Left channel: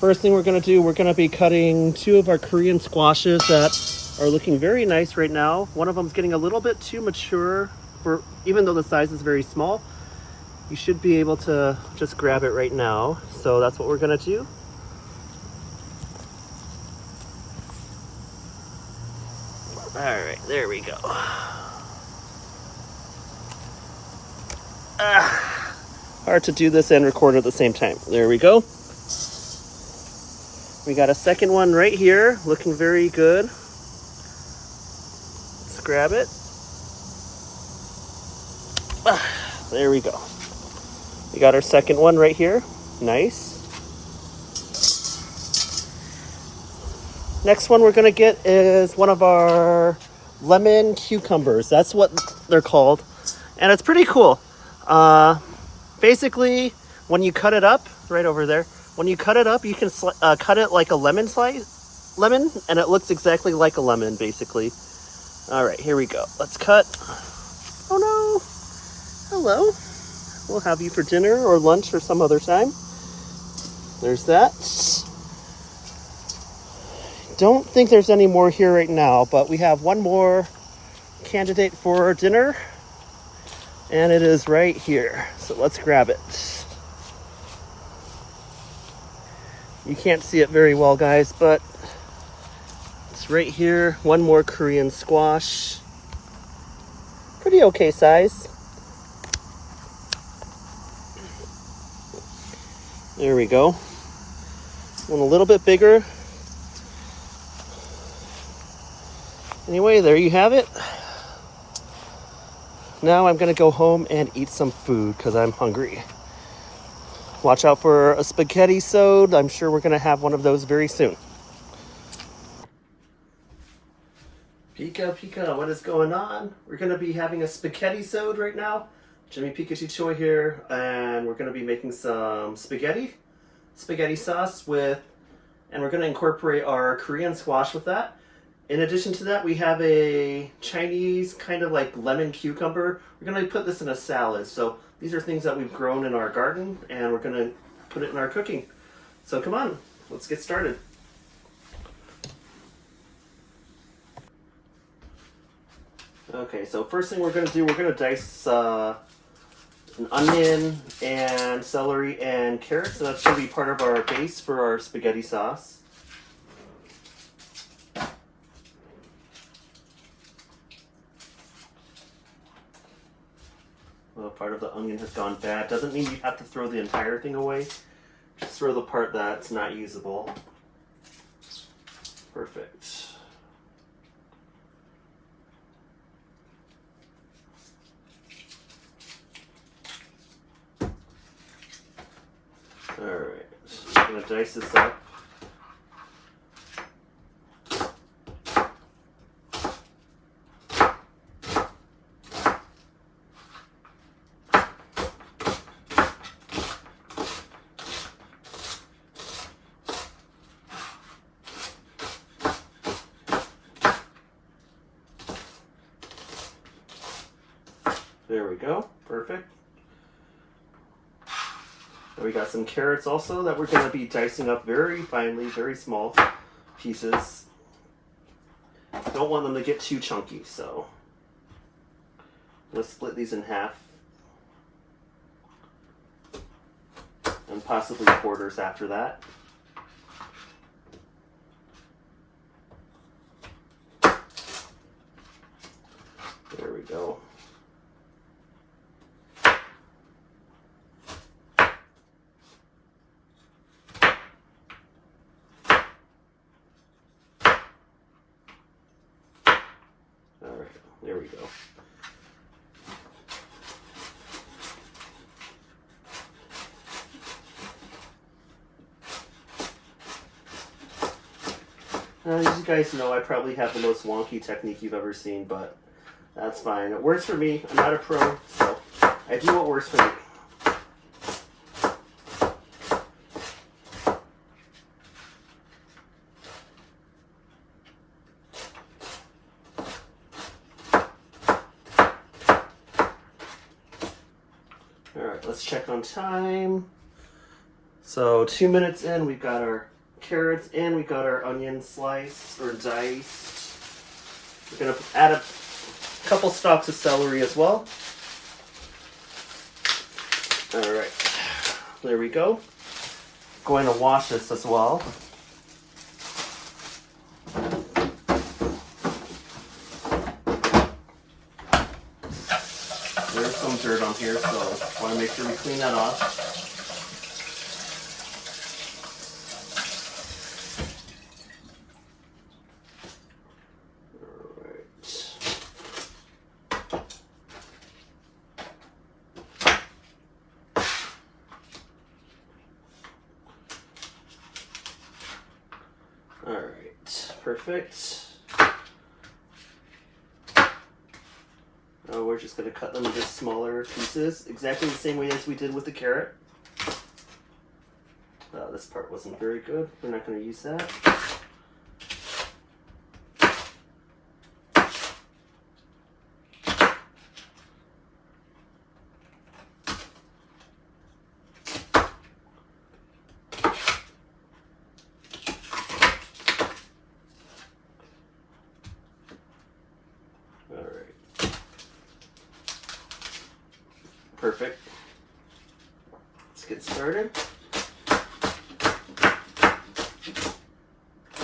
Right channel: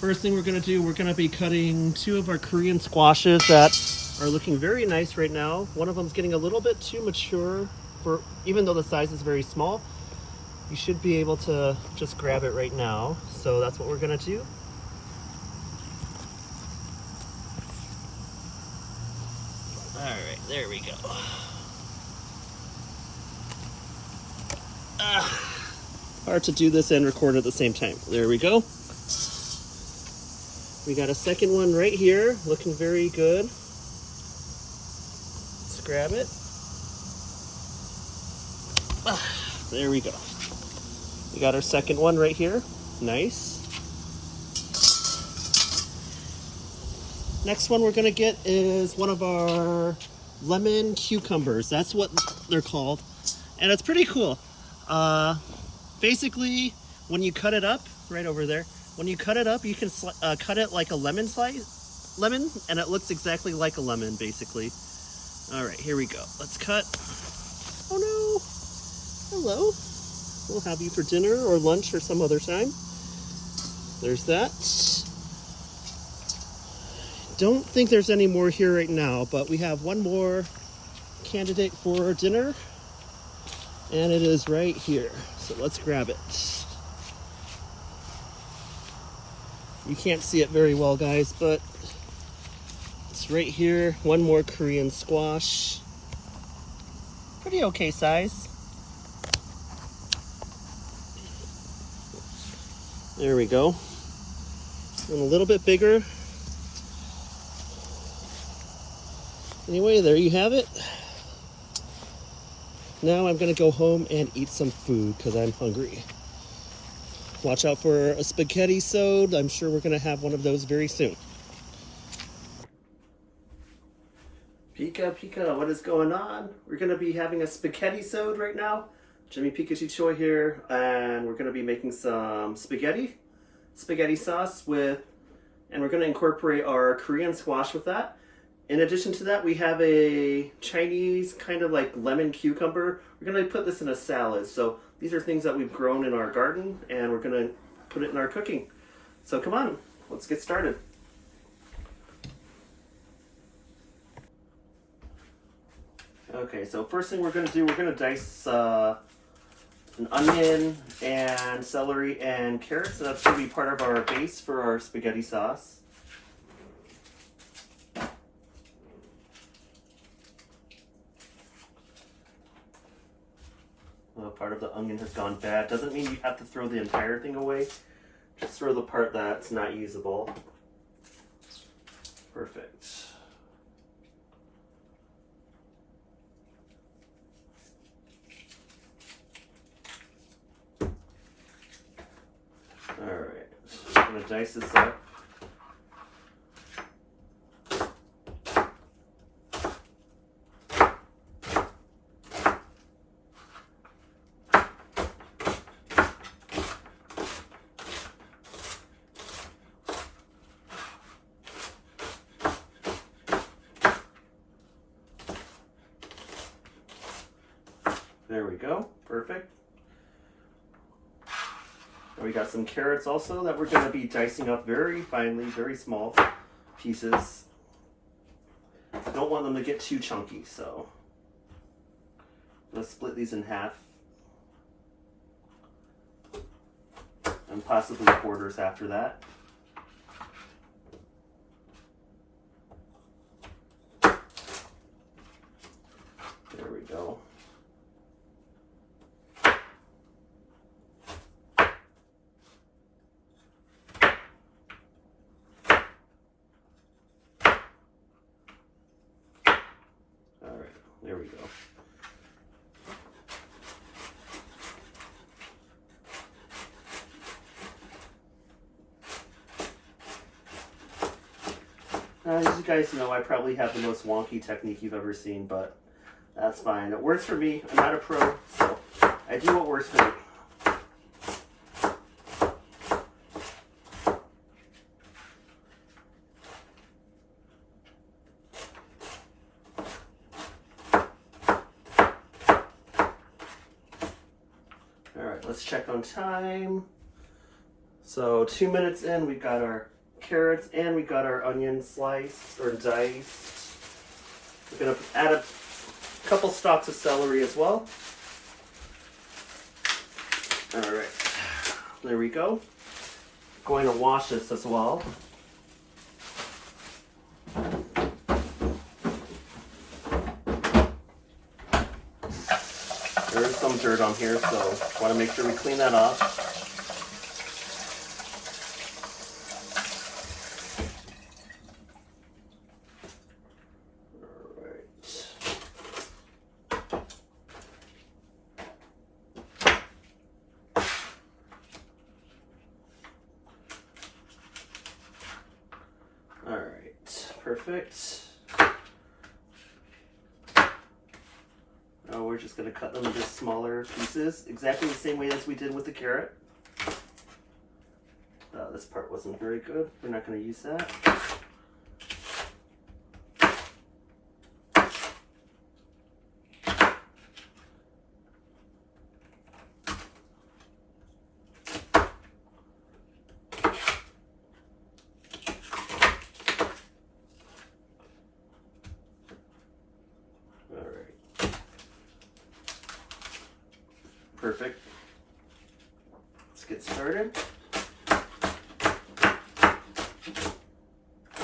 First thing we're gonna do, we're gonna be cutting 2 of our Korean squashes that are looking very nice right now. One of them's getting a little bit too mature for, even though the size is very small, you should be able to just grab it right now. So that's what we're gonna do. All right, there we go. Hard to do this and record at the same time. There we go. We got a second one right here, looking very good. Let's grab it. There we go. We got our second one right here. Nice. Next one we're gonna get is one of our lemon cucumbers. That's what they're called. And it's pretty cool. Basically, when you cut it up, right over there, when you cut it up, you can cut it like a lemon, and it looks exactly like a lemon, basically. All right, here we go. Let's cut. Oh no. Hello. We'll have you for dinner or lunch or some other time. There's that. Don't think there's any more here right now, but we have one more candidate for dinner, and it is right here. So let's grab it. You can't see it very well, guys, but it's right here. One more Korean squash. Pretty okay size. There we go. And a little bit bigger. Anyway, there you have it. Now I'm gonna go home and eat some food because I'm hungry. Watch out for a spaghetti sode. I'm sure we're gonna have one of those very soon. Pika Pika, what is going on? We're gonna be having a spaghetti sode right now. Jimmy Pikachu Choi here, and we're gonna be making some spaghetti sauce and we're gonna incorporate our Korean squash with that. In addition to that, we have a Chinese kind of like lemon cucumber. We're gonna put this in a salad. So these are things that we've grown in our garden, and we're gonna put it in our cooking. So come on, let's get started. Okay, so first thing we're gonna do, we're gonna dice an onion and celery and carrots. So that's gonna be part of our base for our spaghetti sauce. Well, part of the onion has gone bad. Doesn't mean you have to throw the entire thing away. Just throw the part that's not usable. Perfect. Alright, I'm going to dice this up. There we go, perfect. And we got some carrots also that we're going to be dicing up very finely, very small pieces. Don't want them to get too chunky, so let's split these in half. And possibly quarters after that. There we go. There we go. As you guys know, I probably have the most wonky technique you've ever seen, but that's fine. It works for me. I'm not a pro, so I do what works for me. Let's check on time. So 2 minutes in, we've got our carrots and we got our onion sliced or diced. We're gonna add a couple stalks of celery as well. All right, there we go. Going to wash this as well. There's some dirt on here, so I want to make sure we clean that off. All right, perfect. Now we're just going to cut them into smaller pieces, exactly the same way as we did with the carrot. This part wasn't very good. We're not going to use that. Perfect. Let's get started.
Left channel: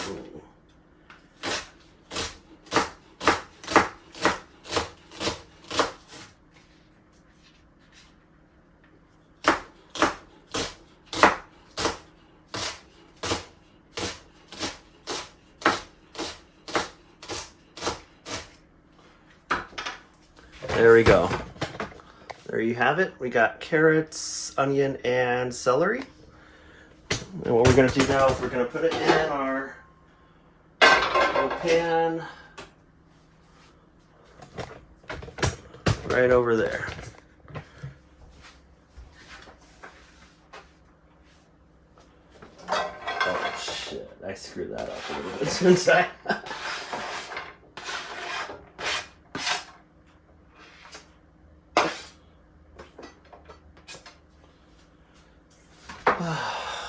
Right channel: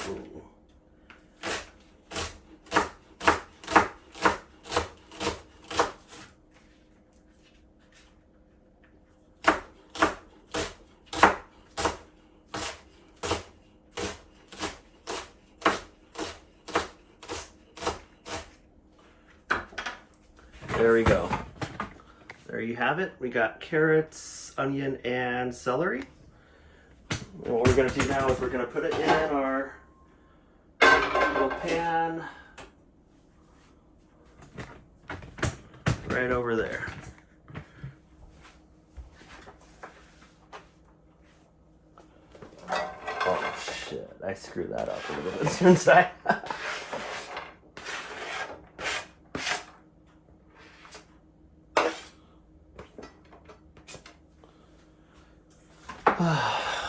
Ooh. There we go. There you have it. We got carrots, onion, and celery. And what we're going to do now is we're going to put it in our little pan right over there. Oh shit, I screwed that up a little bit inside.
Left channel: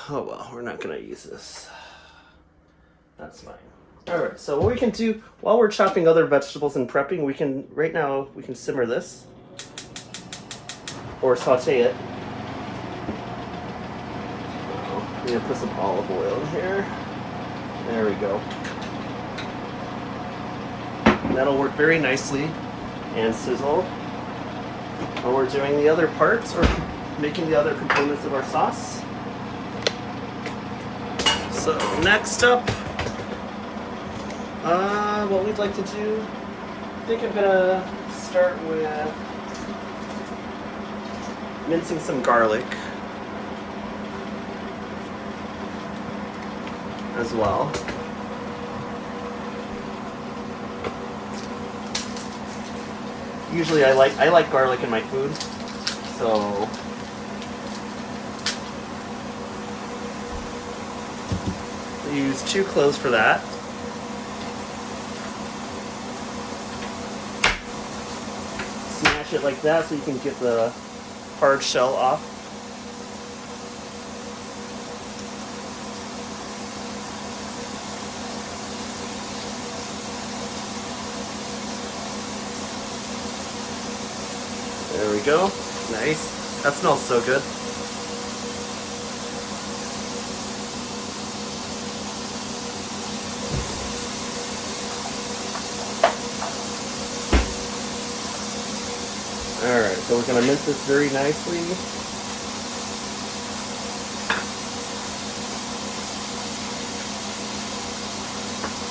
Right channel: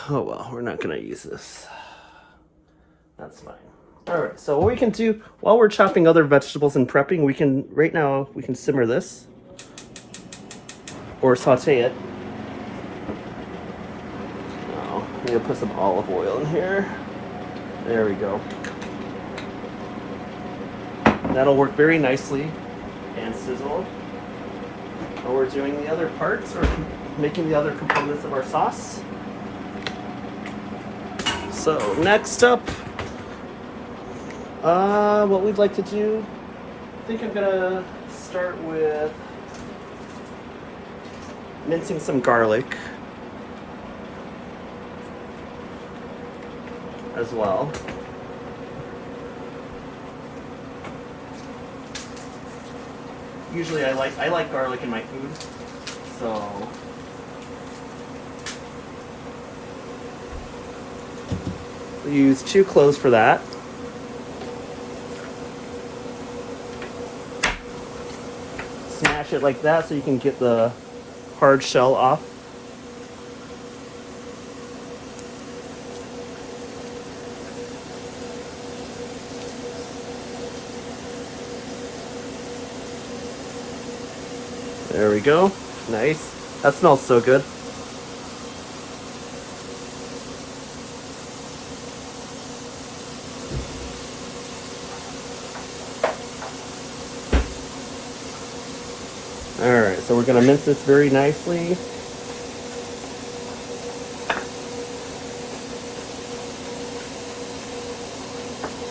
Oh well, we're not gonna use this. That's fine. All right, so what we can do while we're chopping other vegetables and prepping, we can simmer this or saute it. I'm gonna put some olive oil in here. There we go. And that'll work very nicely and sizzle. While we're doing the other parts or making the other components of our sauce. So next up, what we'd like to do, I think I'm gonna start with mincing some garlic as well. Usually I like garlic in my food, so use 2 cloves for that. Smash it like that so you can get the hard shell off. There we go. Nice. That smells so good. Alright, so we're going to mince this very nicely.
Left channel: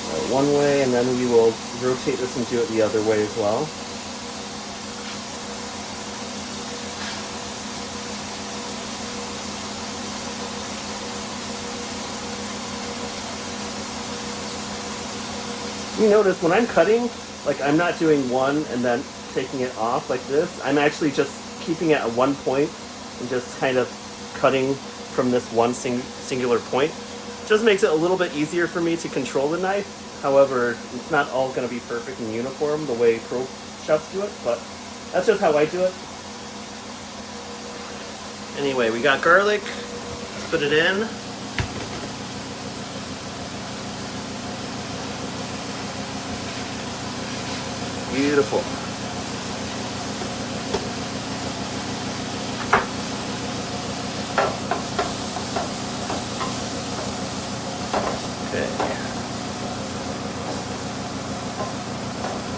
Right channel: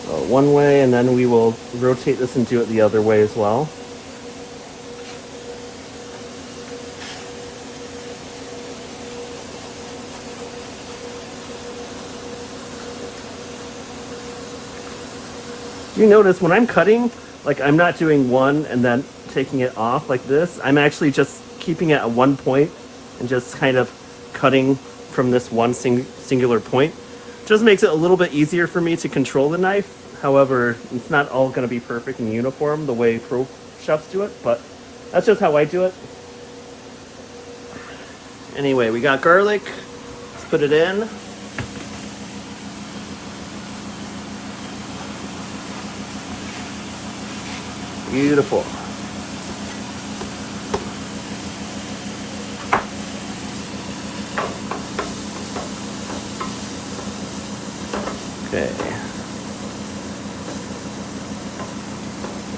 So one way, and then we will rotate this and do it the other way as well. You notice when I'm cutting, like I'm not doing one and then taking it off like this. I'm actually just keeping it at one point and just kind of cutting from this one singular point. Just makes it a little bit easier for me to control the knife. However, it's not all going to be perfect and uniform the way pro chefs do it, but that's just how I do it. Anyway, we got garlic. put it in. Beautiful. Okay.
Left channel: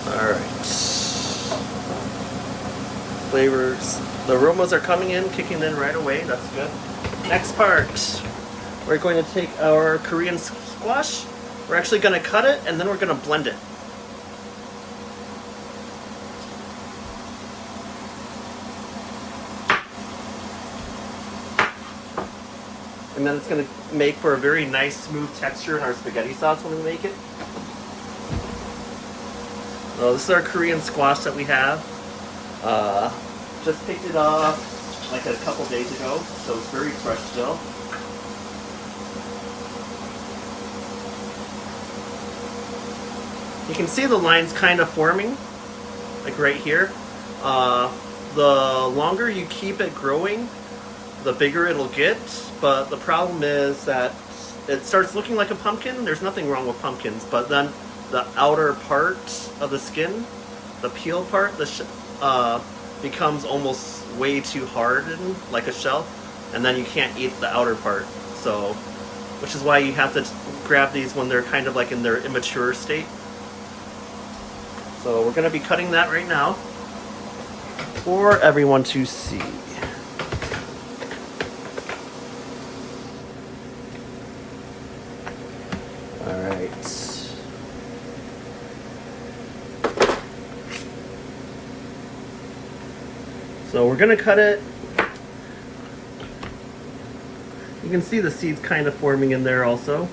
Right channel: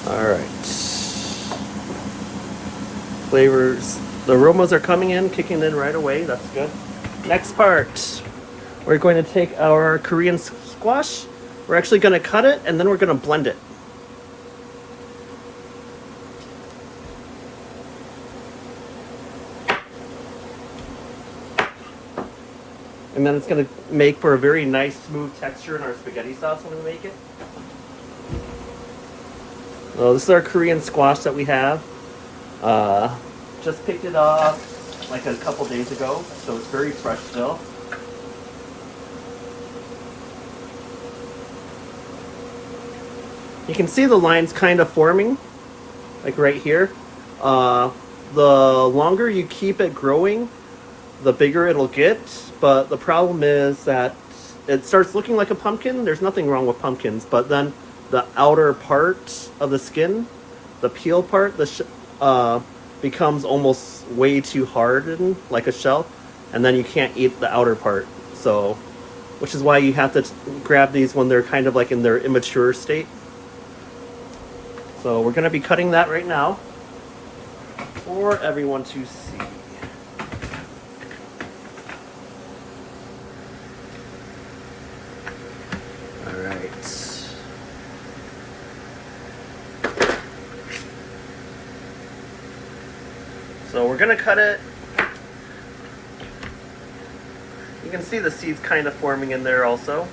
All right. Flavors. The aromas are coming in, kicking in right away. That's good. Next part. We're going to take our Korean squash. We're actually going to cut it and then we're going to blend it. And then it's going to make for a very nice smooth texture in our spaghetti sauce when we make it. So this is our Korean squash that we have. Just picked it off like a couple days ago, so it's very fresh still. You can see the lines kind of forming, like right here. The longer you keep it growing, the bigger it'll get, but the problem is that it starts looking like a pumpkin. There's nothing wrong with pumpkins, but then the outer part of the skin, the peel part, becomes almost way too hardened, like a shell, and then you can't eat the outer part. So, which is why you have to grab these when they're kind of like in their immature state. So we're going to be cutting that right now for everyone to see. So we're going to cut it. You can see the seeds kind of forming in there also.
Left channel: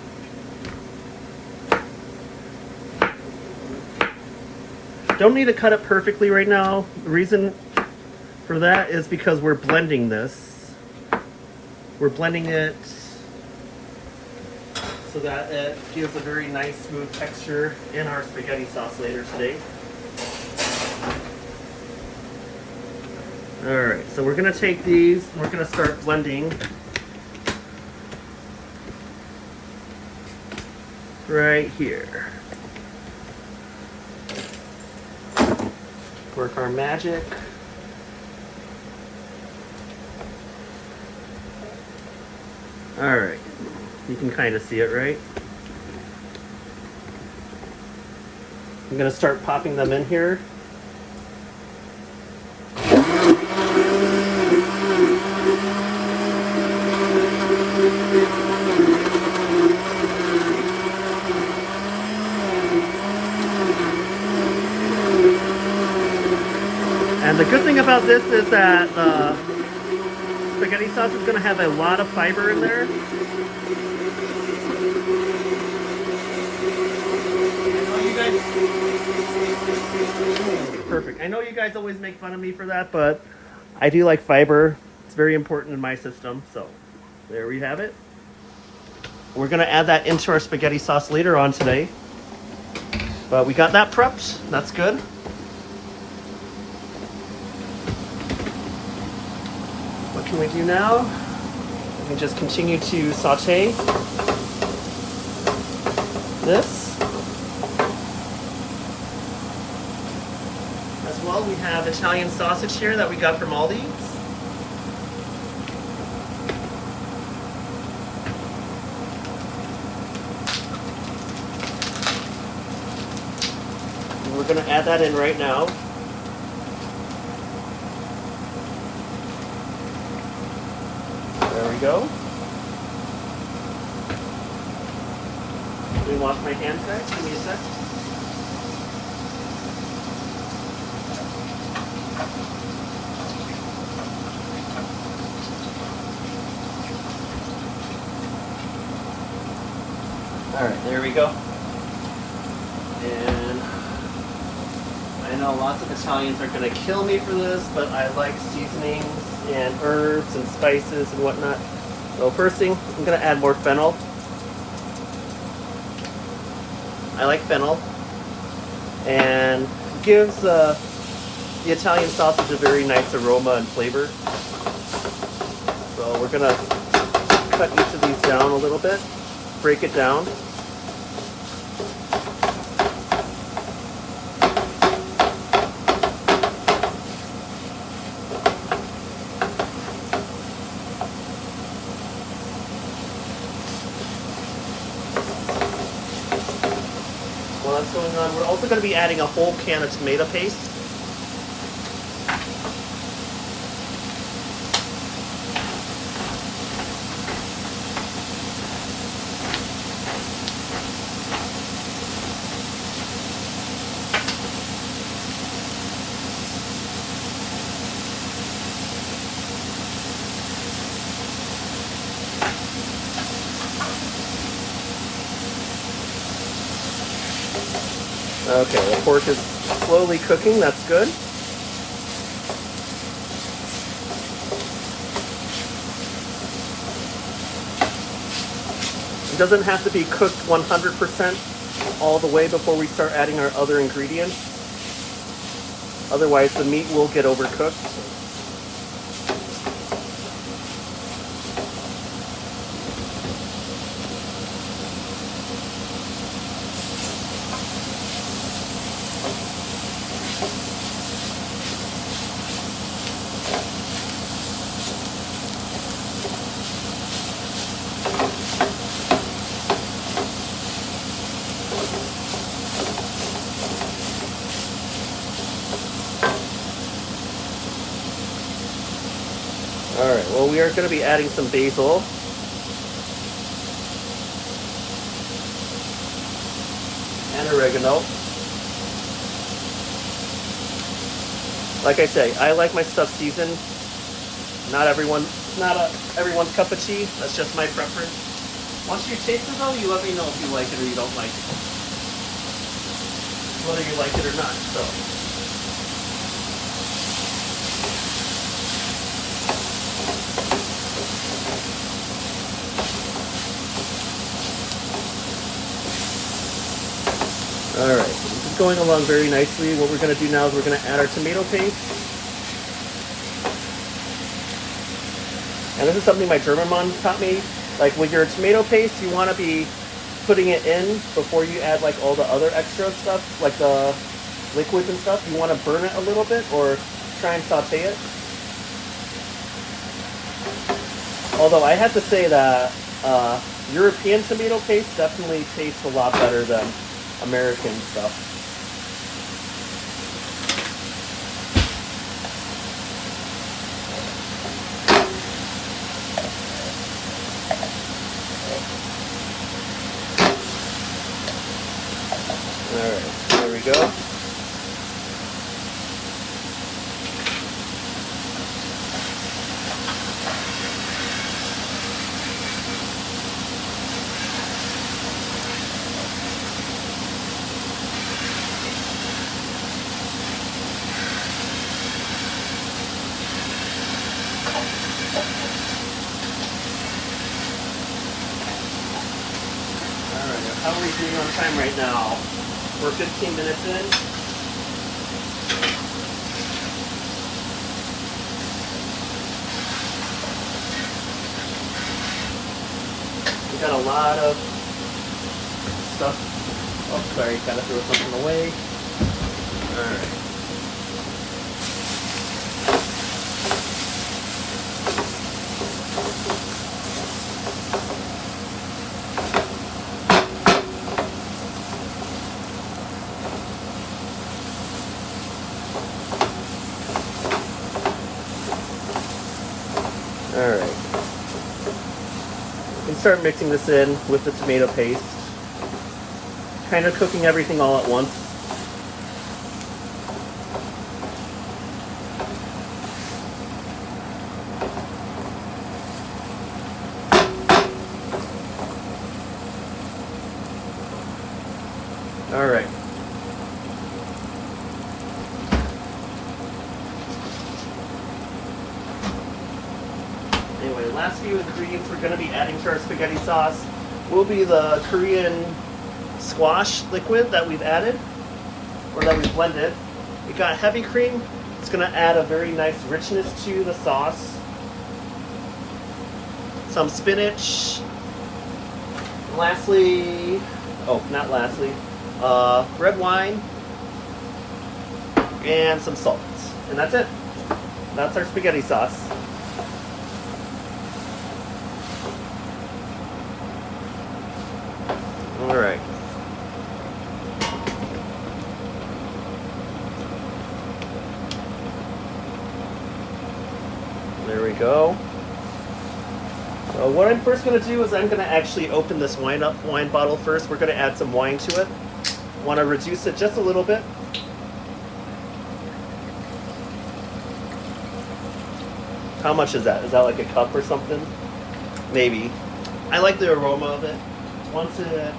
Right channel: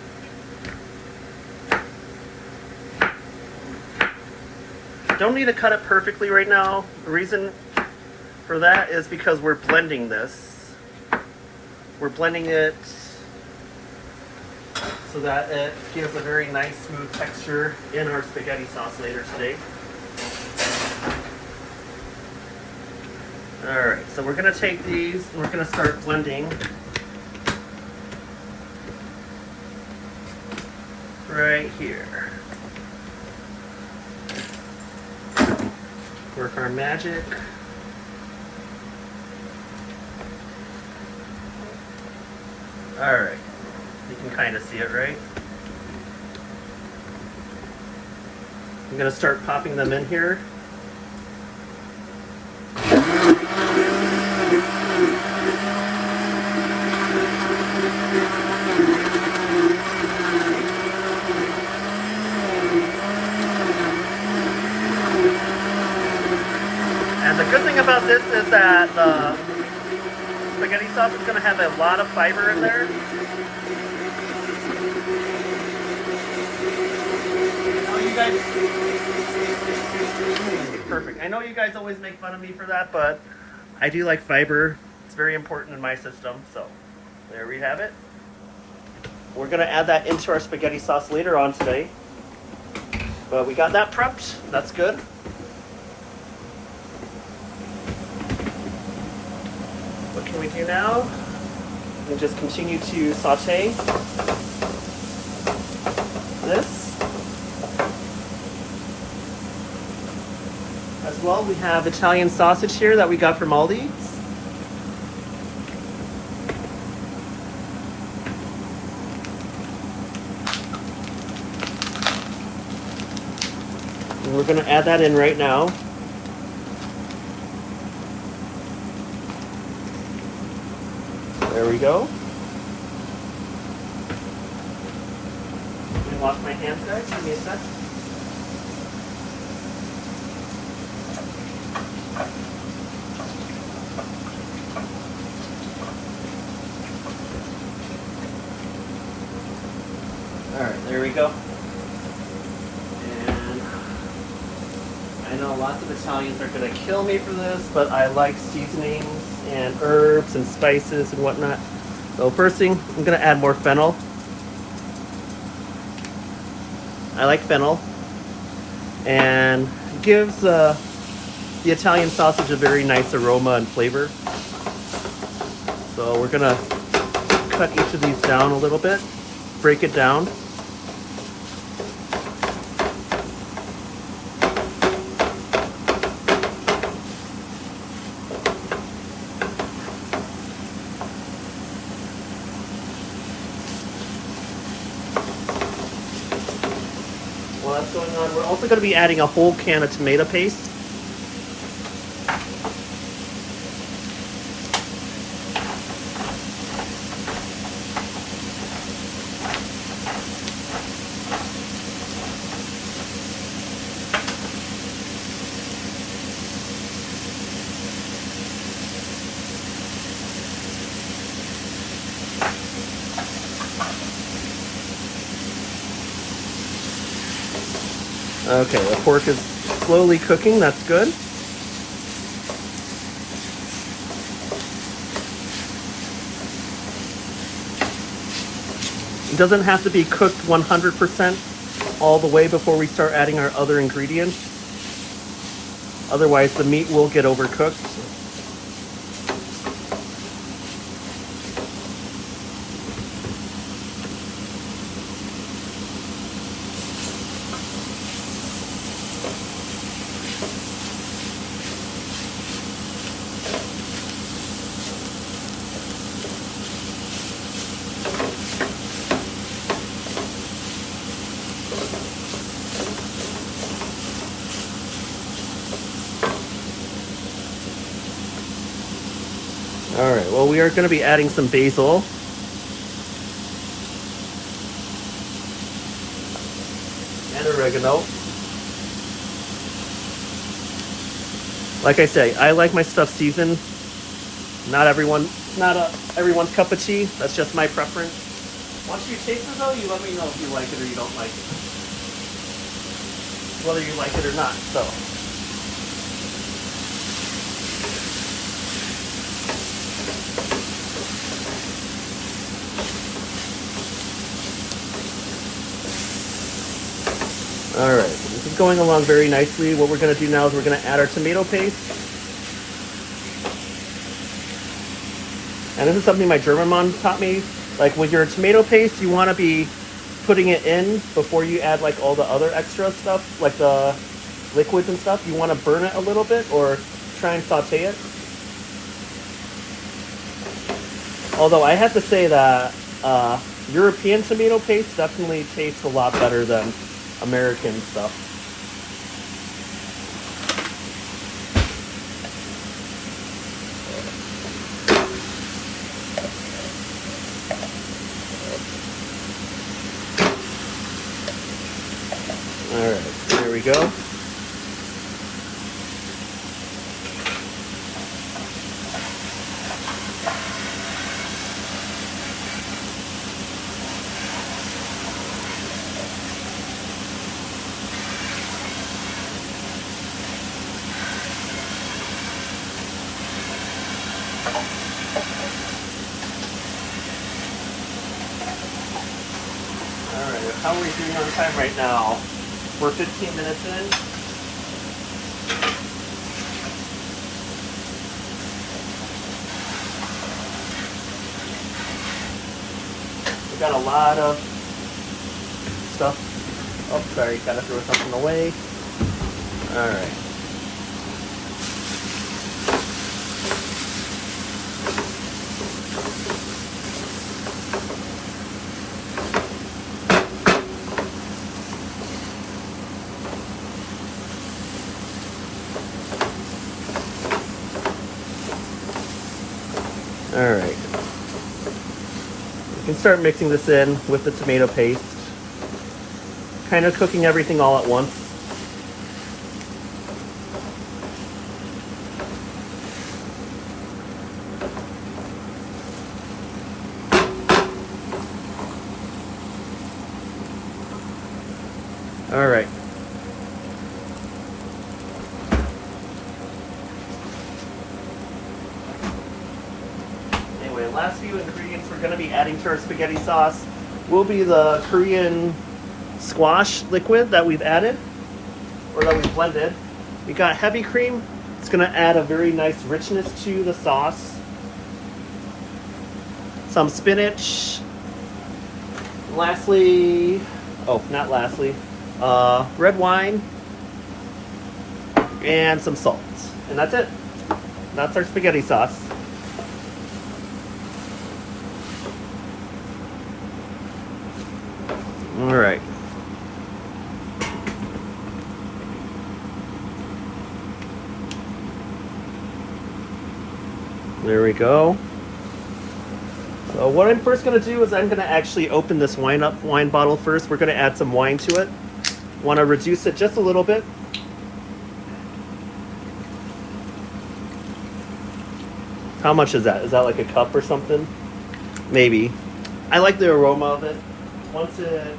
Don't need to cut it perfectly right now. The reason for that is because we're blending this. We're blending it so that it gives a very nice smooth texture in our spaghetti sauce later today. Alright, so we're going to take these and we're going to start blending right here. Work our magic. Alright, you can kind of see it, right? I'm going to start popping them in here. And the good thing about this is that spaghetti sauce is going to have a lot of fiber in there. Perfect. I know you guys always make fun of me for that, but I do like fiber. It's very important in my system. So there we have it. We're going to add that into our spaghetti sauce later on today. But we got that prepped. That's good. What can we do now? We can just continue to saute this. As well, we have Italian sausage here that we got from Aldi. And we're going to add that in right now. There we go. Let me wash my hands, guys. Give me a sec. Alright, there we go. And I know lots of Italians are going to kill me for this, but I like seasonings and herbs and spices and whatnot. Well, first thing, I'm going to add more fennel. I like fennel. And gives the Italian sausage a very nice aroma and flavor. So we're going to cut each of these down a little bit, break it down. While that's going on, we're also going to be adding a whole can of tomato paste. Okay, the pork is slowly cooking, that's good. It doesn't have to be cooked 100% all the way before we start adding our other ingredients. Otherwise the meat will get overcooked. Alright, well we are going to be adding some basil. And oregano. Like I say, I like my stuff seasoned. Not everyone's cup of tea. That's just my preference. Once you taste it though, you let me know if you like it or you don't like it. Whether you like it or not, so. Alright, so this is going along very nicely. What we're going to do now is we're going to add our tomato paste. And this is something my German mom taught me. Like with your tomato paste, you want to be putting it in before you add like all the other extra stuff, like the liquids and stuff. You want to burn it a little bit or try and saute it. Although I have to say that European tomato paste definitely tastes a lot better than American stuff. Alright, there we go. How are we doing on time right now? We're 15 minutes in. We got a lot of stuff. Oh, sorry, gotta throw something away. Alright. Alright. You can start mixing this in with the tomato paste. Kind of cooking everything all at once. Alright. Anyway, the last few ingredients we're going to be adding to our spaghetti sauce will be the Korean squash liquid that we've added, or that we've blended. We got heavy cream. It's going to add a very nice richness to the sauce. some spinach. Lastly, oh, not lastly, red wine and some salt. And that's it. That's our spaghetti sauce. All right. There we go. So what I'm first going to do is I'm going to actually open this wine bottle first. We're going to add some wine to it. Want to reduce it just a little bit. How much is that? Is that like a cup or something? Maybe. I like the aroma of it. Once it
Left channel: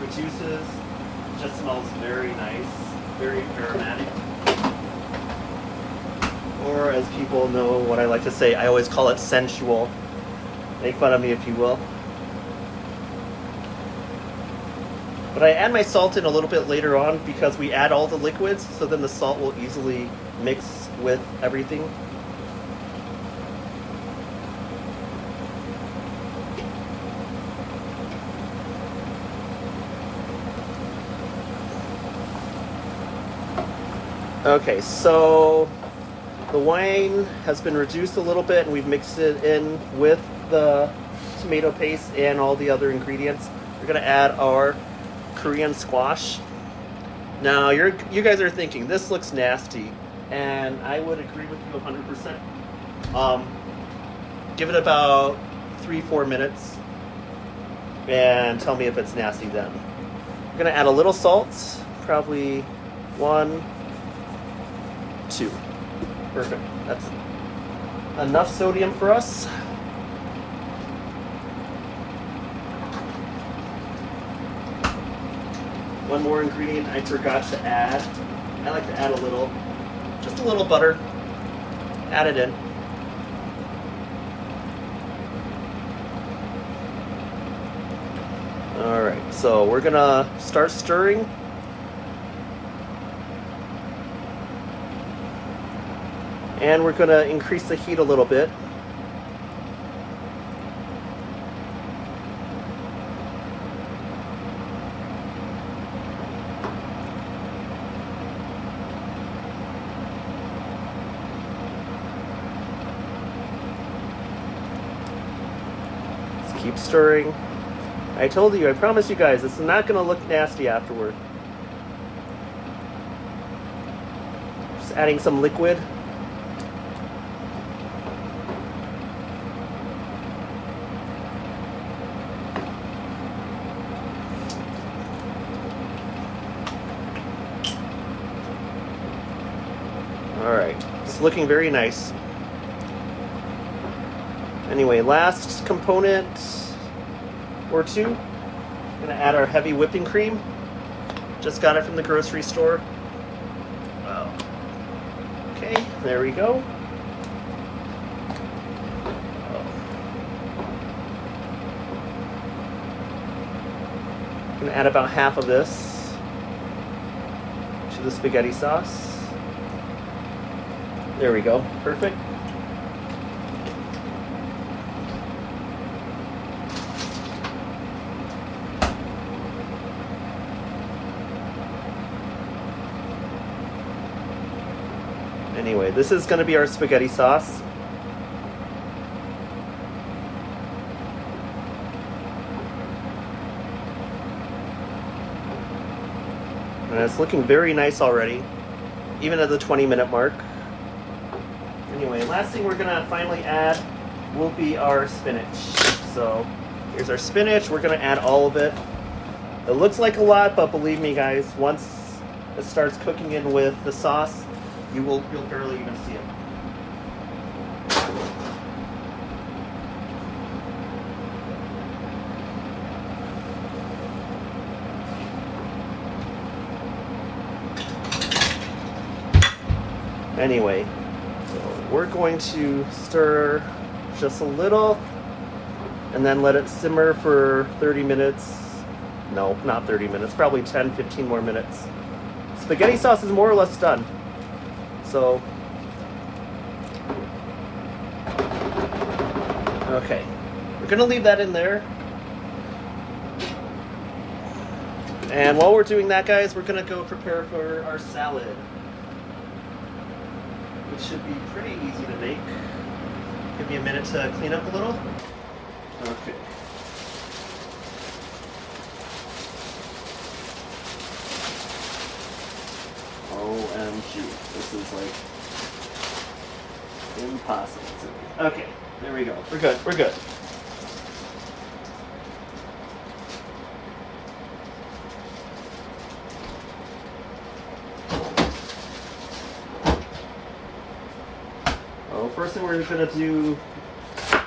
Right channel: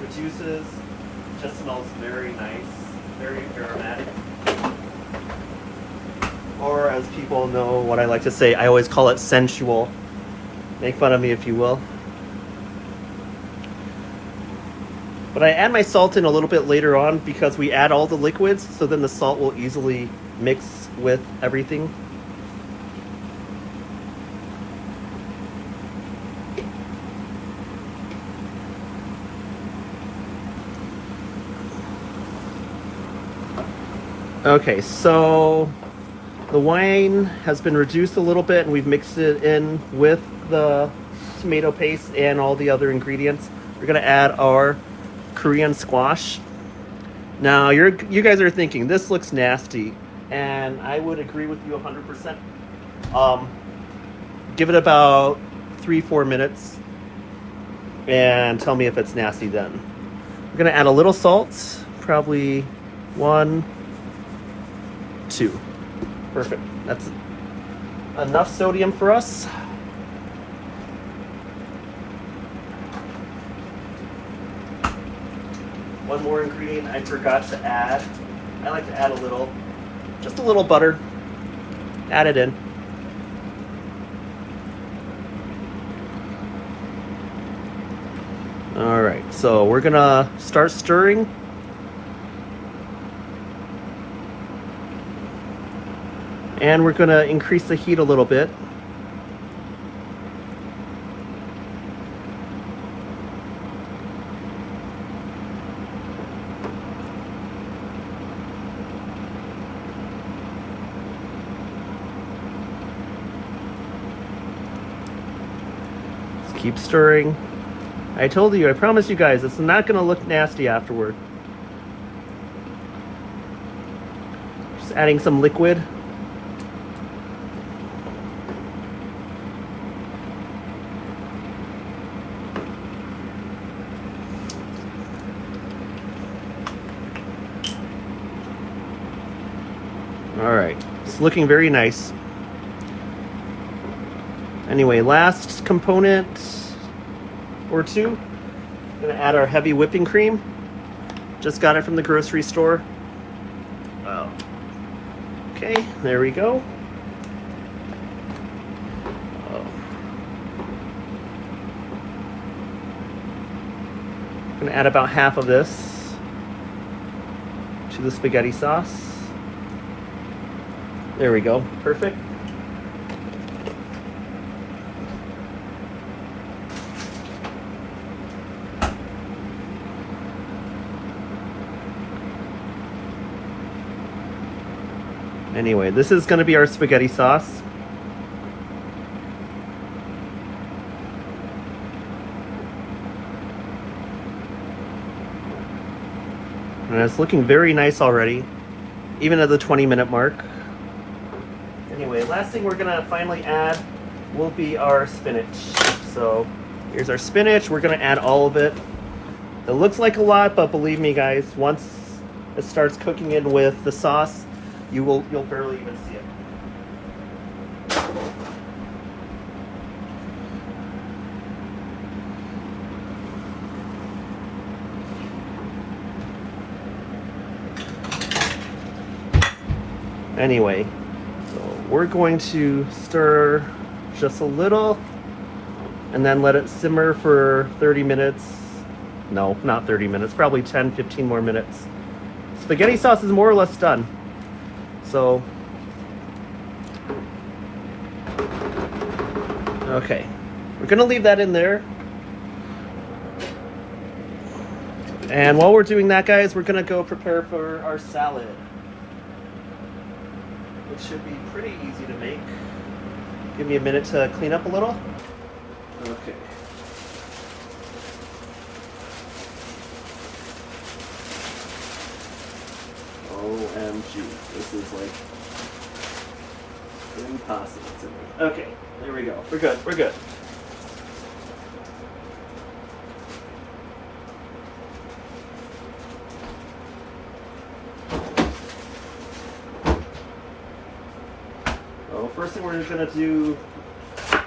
reduces, it just smells very nice, very aromatic. Or as people know what I like to say, I always call it sensual. Make fun of me if you will. But I add my salt in a little bit later on because we add all the liquids, so then the salt will easily mix with everything. Okay, so the wine has been reduced a little bit and we've mixed it in with the tomato paste and all the other ingredients. We're gonna add our Korean squash. Now you guys are thinking this looks nasty, and I would agree with you 100%. Give it about 3-4 minutes and tell me if it's nasty then. I'm gonna add a little salt, probably 1, 2. Perfect. That's enough sodium for us. One more ingredient I forgot to add. I like to add a little, just a little butter. Add it in. All right, so we're gonna start stirring. And we're going to increase the heat a little bit. Just keep stirring. I told you, I promise you guys, it's not going to look nasty afterward. Just adding some liquid. It's looking very nice. Anyway, last component or two. I'm gonna add our heavy whipping cream. Just got it from the grocery store. Okay, there we go. I'm gonna add about half of this to the spaghetti sauce. There we go. Perfect. Anyway, this is going to be our spaghetti sauce. And it's looking very nice already, even at the 20-minute mark. Anyway, last thing we're gonna finally add will be our spinach. So here's our spinach. We're gonna add all of it. It looks like a lot, but believe me guys, once it starts cooking in with the sauce, you'll barely even see it. Anyway, we're going to stir just a little and then let it simmer for 30 minutes. No, not 30 minutes, probably 10, 15 more minutes. Spaghetti sauce is more or less done. So, okay, We're gonna leave that in there. And while we're doing that, guys, we're gonna go prepare for our salad, which should be pretty easy to make. Give me a minute to clean up a little. Okay. OMG, this is like impossible to me. Okay, there we go. We're good, we're good. Well, first thing we're gonna do, I'm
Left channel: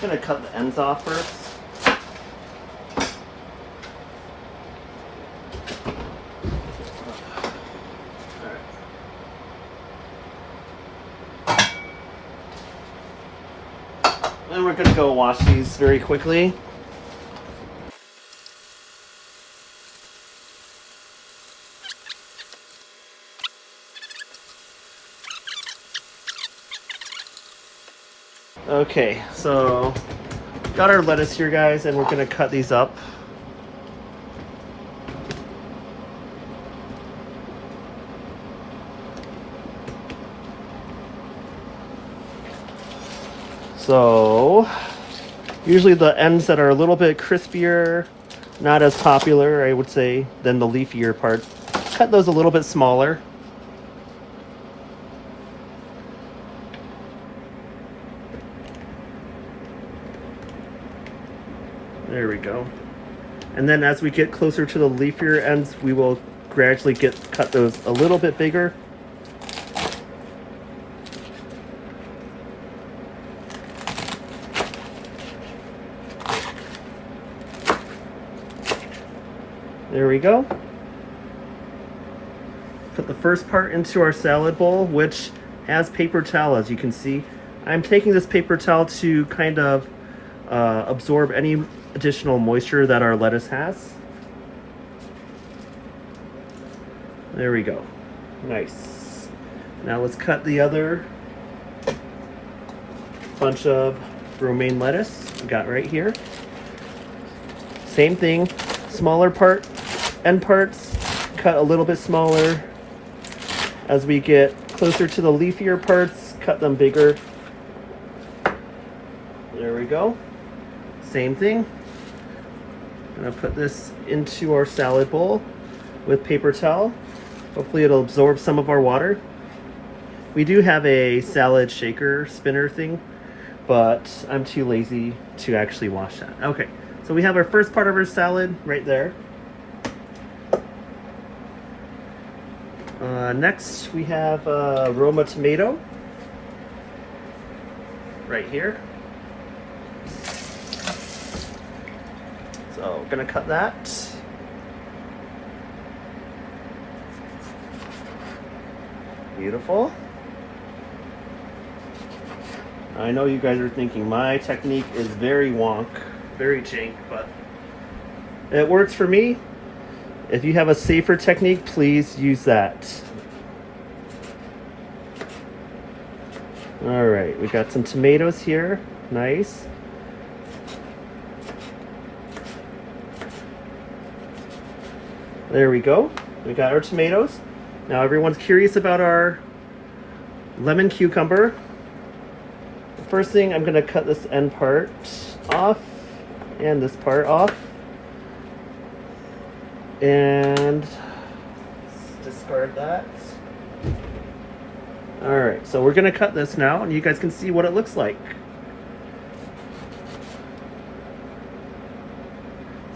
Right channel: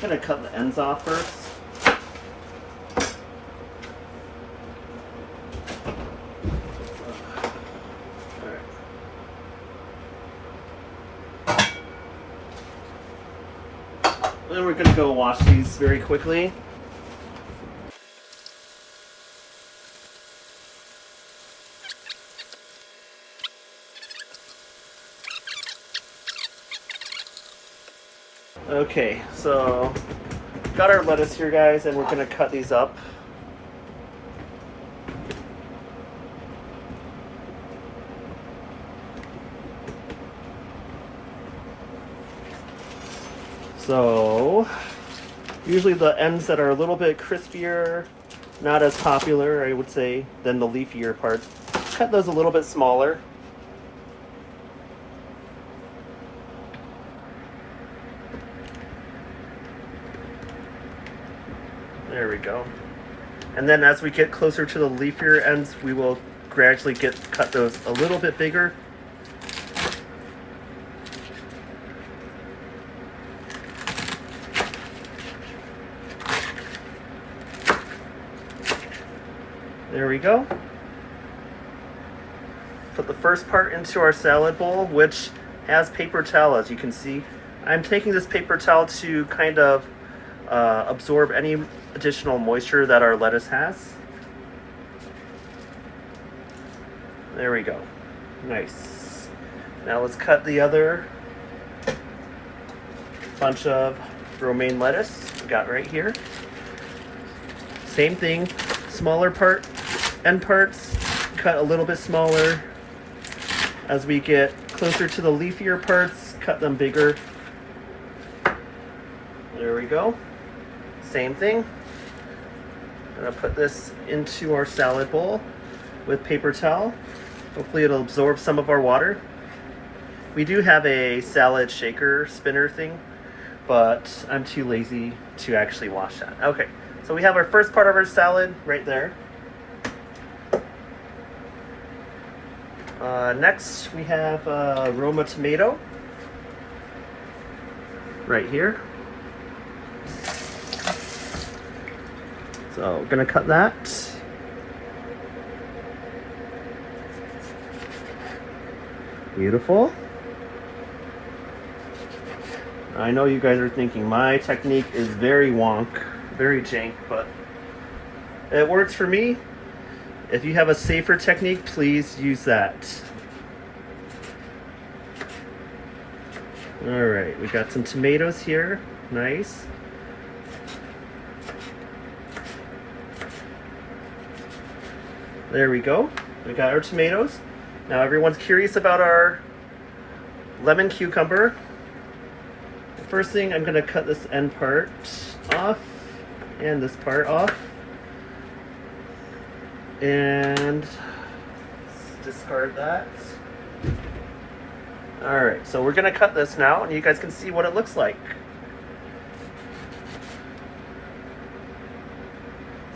gonna cut the ends off first. Then we're gonna go wash these very quickly. Okay, so got our lettuce here, guys, and we're gonna cut these up. So usually the ends that are a little bit crispier, not as popular, I would say, than the leafier parts. Cut those a little bit smaller. There we go. And then as we get closer to the leafier ends, we will gradually cut those a little bit bigger. There we go. Put the first part into our salad bowl, which has paper towel, as you can see. I'm taking this paper towel to kind of absorb any additional moisture that our lettuce has. There we go. Nice. Now let's cut the other bunch of romaine lettuce we got right here. Same thing, smaller end parts, cut a little bit smaller. As we get closer to the leafier parts, cut them bigger. There we go. Same thing. I'm gonna put this into our salad bowl with paper towel. Hopefully it'll absorb some of our water. We do have a salad shaker spinner thing, but I'm too lazy to actually wash that. Okay, so we have our first part of our salad right there. Next we have Roma tomato right here. So I'm gonna cut that. Beautiful. I know you guys are thinking my technique is very wonk, very jank, but it works for me. If you have a safer technique, please use that. All right, we got some tomatoes here. Nice. There we go. We got our tomatoes. Now everyone's curious about our lemon cucumber. The first thing, I'm gonna cut this end part off and this part off. And discard that. All right, so we're gonna cut this now and you guys can see what it looks like.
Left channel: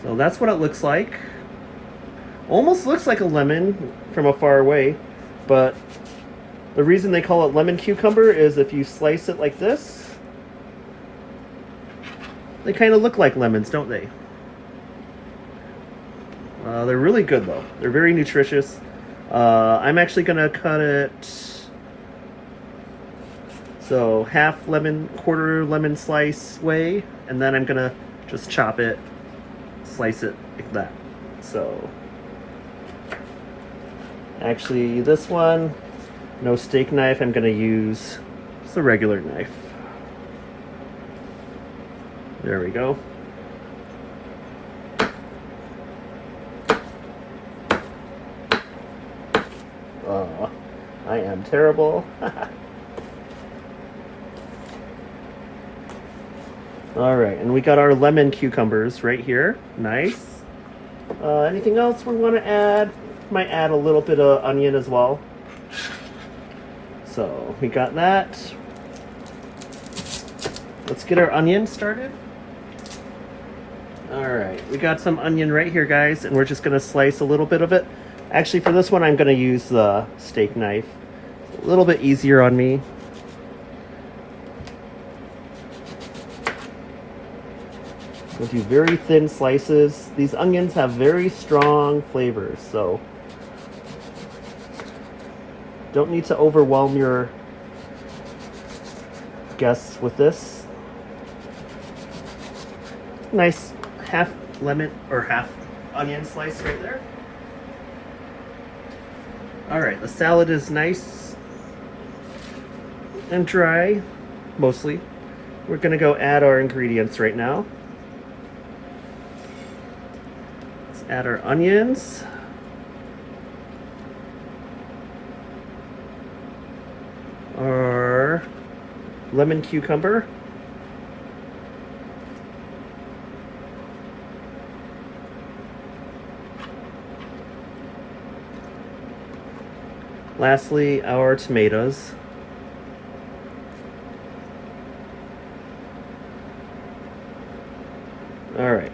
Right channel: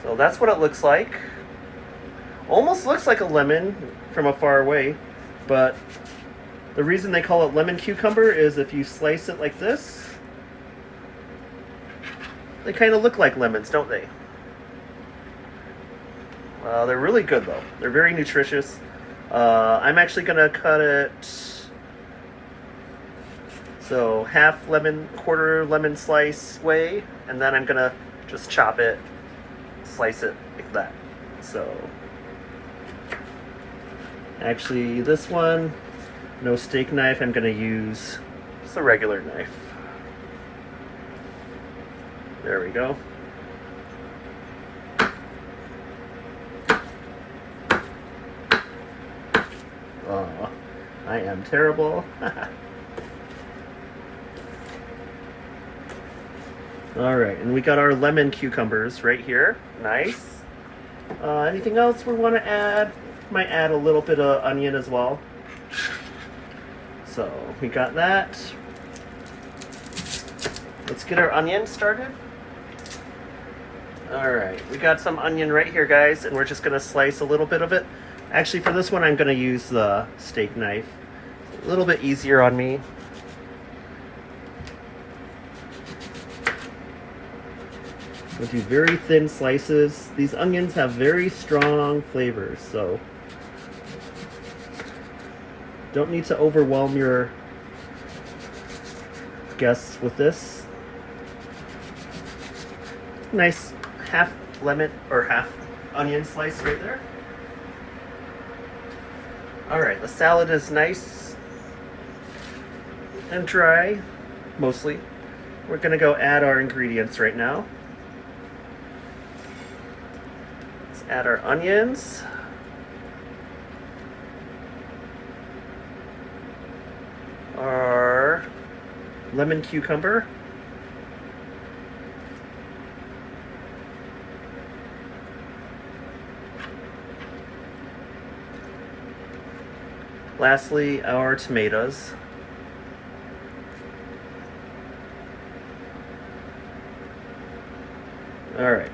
So that's what it looks like. Almost looks like a lemon from a far away, but the reason they call it lemon cucumber is if you slice it like this, they kind of look like lemons, don't they? They're really good though. They're very nutritious. I'm actually gonna cut it so half lemon, quarter lemon slice way, and then I'm gonna just chop it, slice it like that. So actually this one, no steak knife, I'm gonna use just a regular knife. There we go. Oh, I am terrible. All right, and we got our lemon cucumbers right here. Nice. Anything else we want to add? Might add a little bit of onion as well. So we got that. Let's get our onion started. All right, we got some onion right here, guys, and we're just gonna slice a little bit of it. Actually, for this one, I'm gonna use the steak knife. A little bit easier on me. We'll do very thin slices. These onions have very strong flavors, so don't need to overwhelm your guests with this. Nice half lemon or half onion slice right there. All right, the salad is nice and dry, mostly. We're gonna go add our ingredients right now. Let's add our onions. Our lemon cucumber. Lastly, our tomatoes. All right,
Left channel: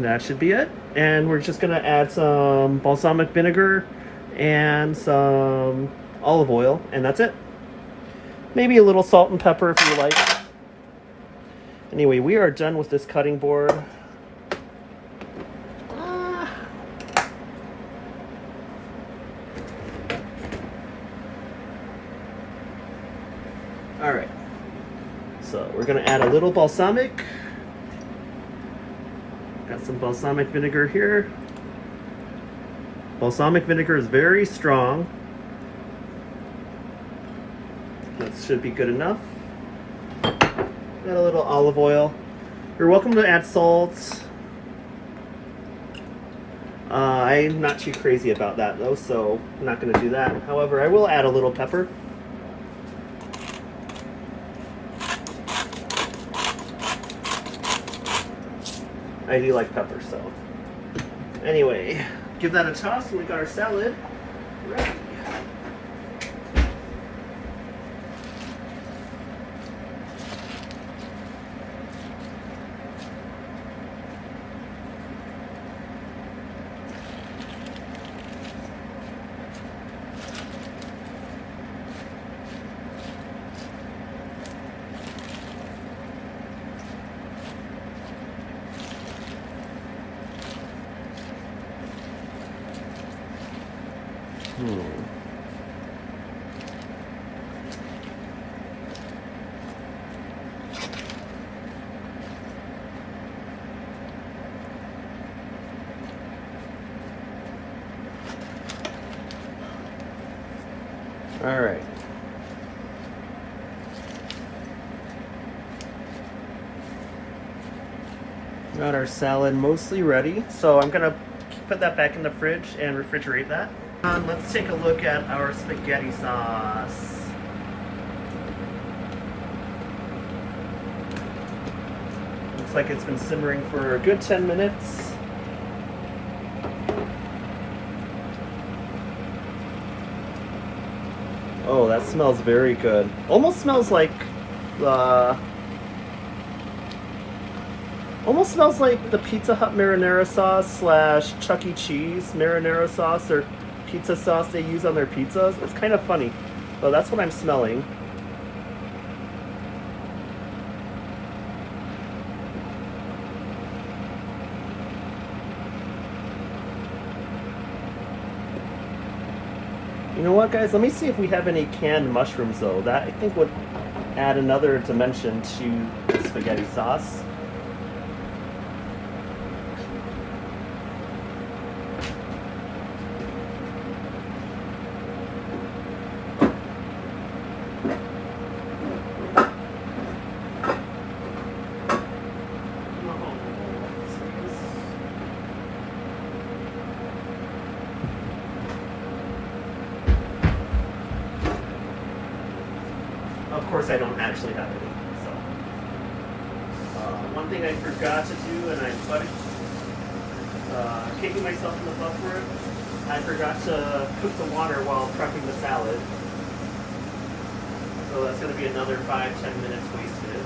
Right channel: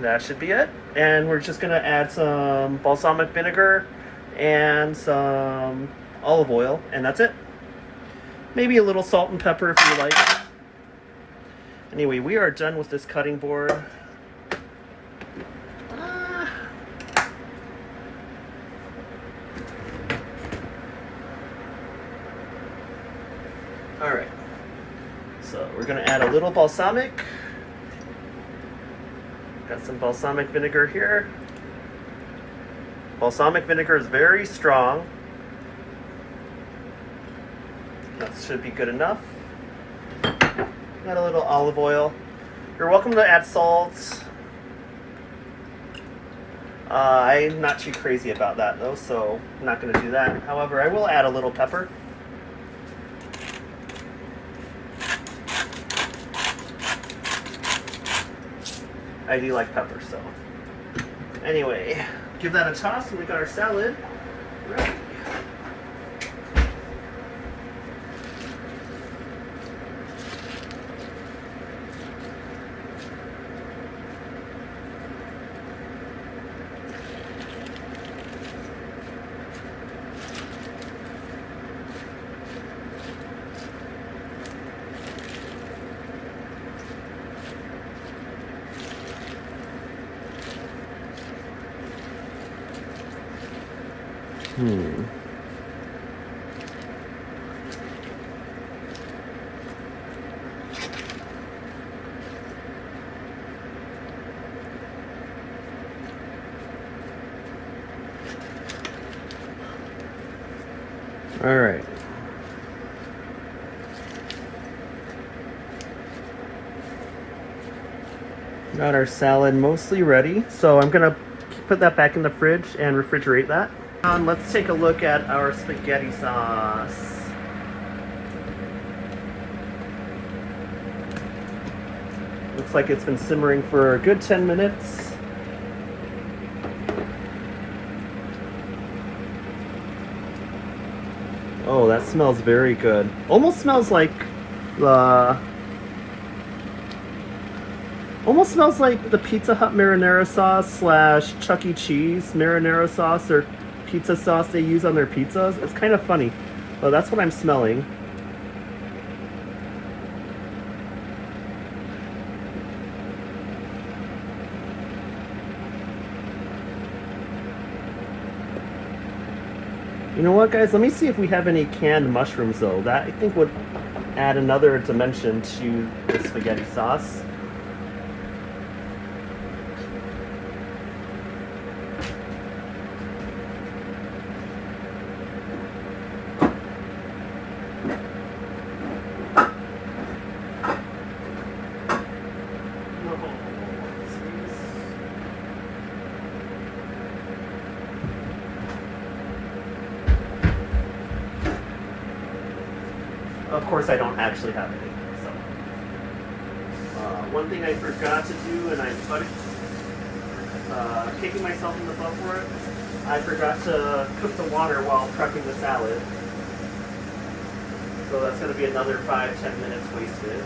that should be it. And we're just gonna add some balsamic vinegar and some olive oil, and that's it. Maybe a little salt and pepper if you like. Anyway, we are done with this cutting board. All right, so we're gonna add a little balsamic. Got some balsamic vinegar here. Balsamic vinegar is very strong. That should be good enough. Add a little olive oil. You're welcome to add salt. I'm not too crazy about that though, so I'm not gonna do that. However, I will add a little pepper. I do like pepper, so. Anyway, give that a toss and we got our salad ready. All right. Got our salad mostly ready, so I'm gonna put that back in the fridge and refrigerate that. Let's take a look at our spaghetti sauce. Looks like it's been simmering for a good 10 minutes. Oh, that smells very good. Almost smells like the Pizza Hut marinara sauce slash Chuck E. Cheese marinara sauce or pizza sauce they use on their pizzas. It's kind of funny, but that's what I'm smelling. You know what, guys? Let me see if we have any canned mushrooms, though. That, I think, would add another dimension to the spaghetti sauce. course I don't actually have any. So, one thing I forgot to do, and I'm kicking myself in the butt for it, I forgot to cook the water while prepping the salad. So that's going to be another 5-10 minutes wasted.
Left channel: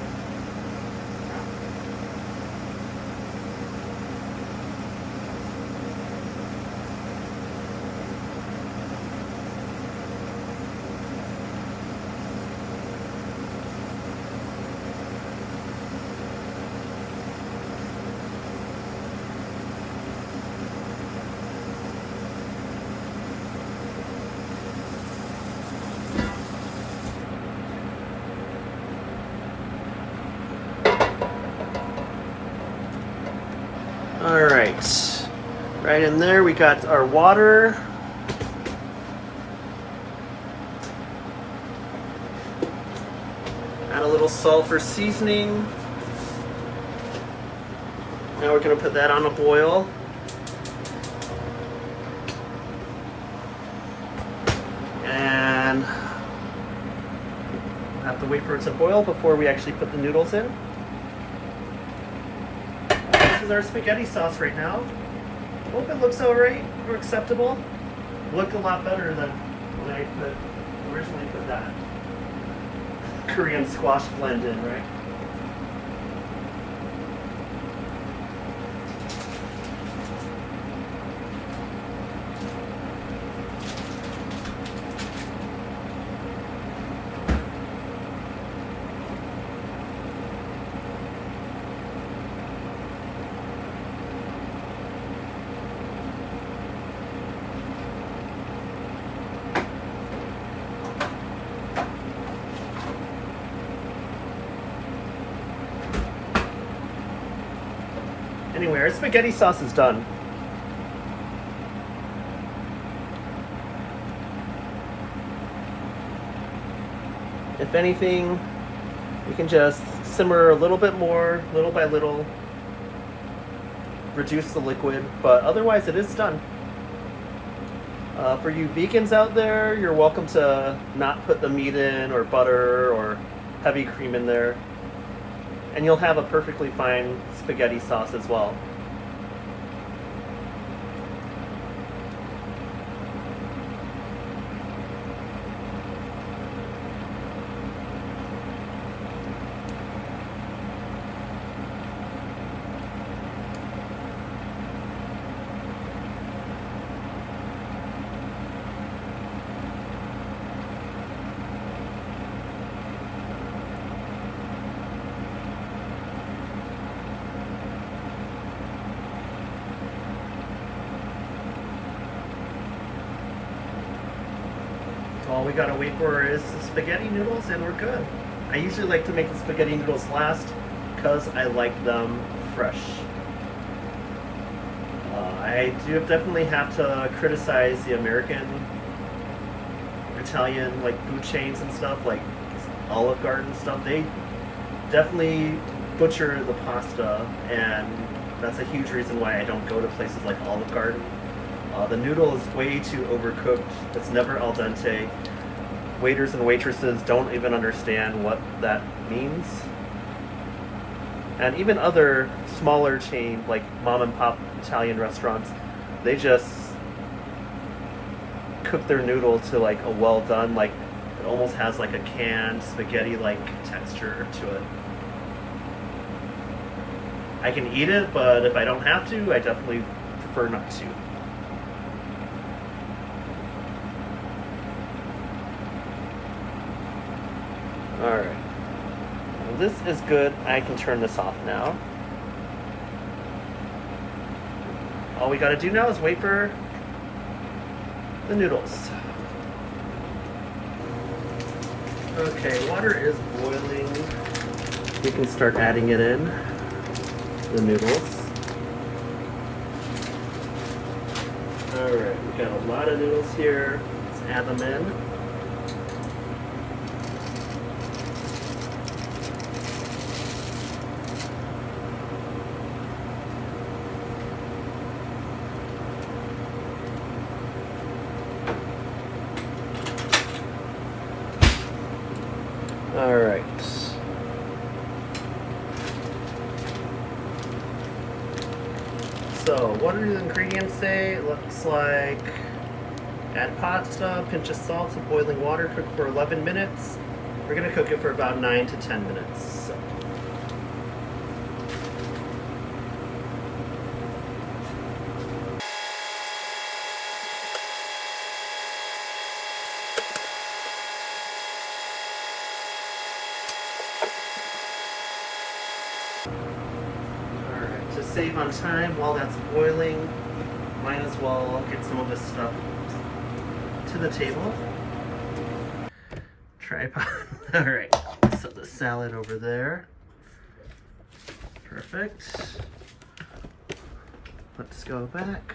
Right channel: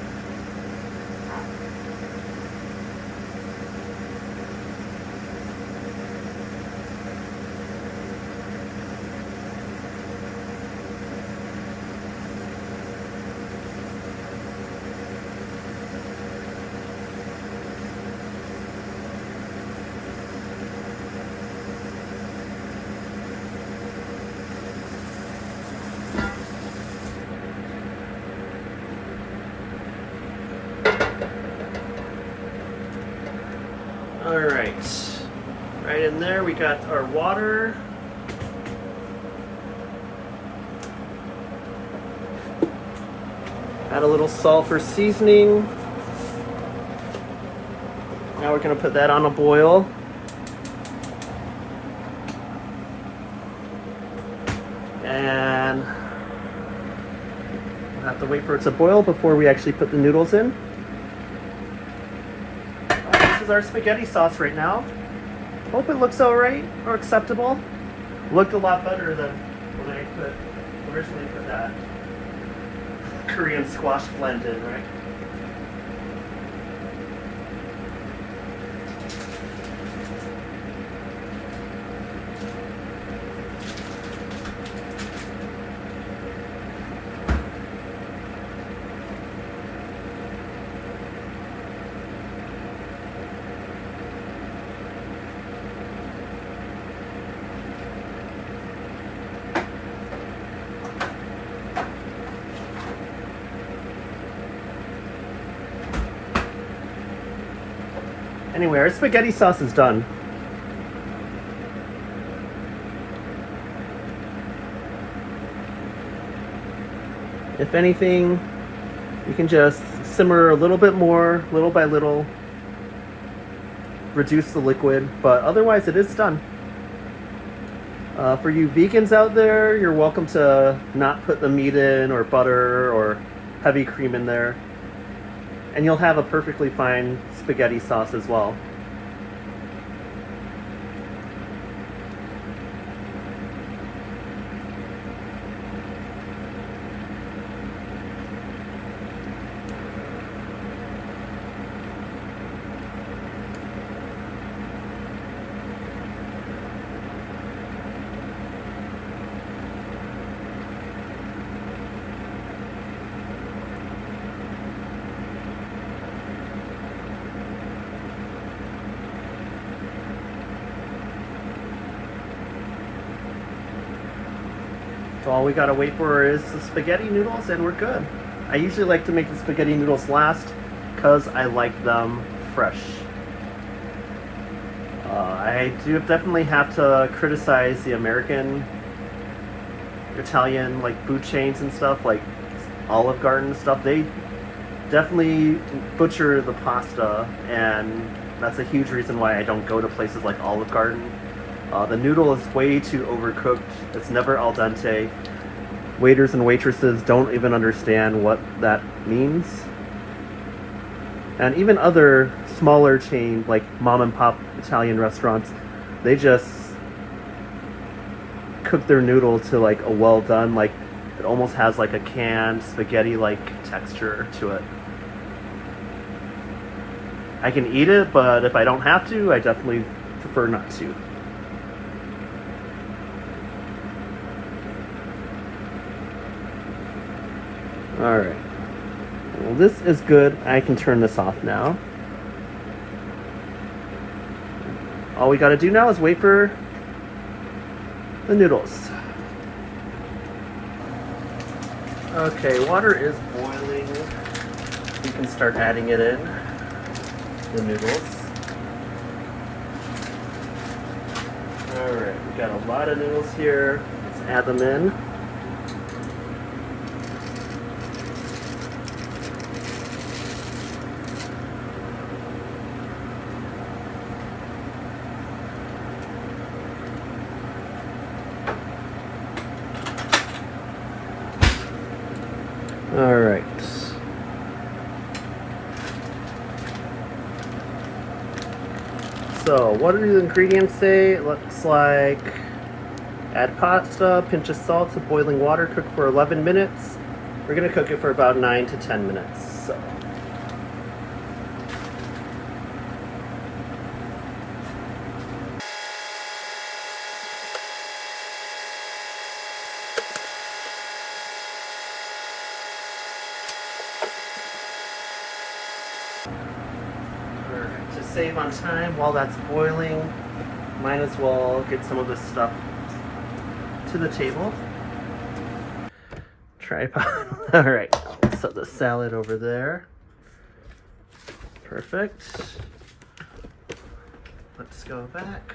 All right in there we got our water. Add a little salt for seasoning. Now we're gonna put that on a boil. And we'll have to wait for it to boil before we actually put the noodles in. This is our spaghetti sauce right now. Hope it looks alright or acceptable. Looked a lot better than when I originally put that Korean squash blend in, right? Anyway, our spaghetti sauce is done. If anything, you can just simmer a little bit more, little by little, reduce the liquid, but otherwise it is done. For you vegans out there, you're welcome to not put the meat in or butter or heavy cream in there. And you'll have a perfectly fine spaghetti sauce as well. So all we gotta wait for is the spaghetti noodles and we're good. I usually like to make the spaghetti noodles last because I like them fresh. I do definitely have to criticize the American, Italian like food chains and stuff, like Olive Garden stuff. They definitely butcher the pasta, and that's a huge reason why I don't go to places like Olive Garden. The noodle is way too overcooked. It's never al dente. Waiters and waitresses don't even understand what that means. And even other smaller chain, like mom and pop Italian restaurants, they just cook their noodle to like a well done, like it almost has like a canned spaghetti like texture to it. I can eat it, but if I don't have to, I definitely prefer not to. Alright, well, this is good. I can turn this off now. All we gotta do now is wait for the noodles. Okay, water is boiling. We can start adding it in, the noodles. Alright, we got a lot of noodles here. Let's add them in. All right. So, what do the ingredients say? It looks like add pasta, pinch of salt to boiling water, cook for 11 minutes. We're gonna cook it for about 9 to 10 minutes. So. To save on time while that's boiling, might as well get some of this stuff to the table. Tripod. All right, set the salad over there. Perfect. Let's go back.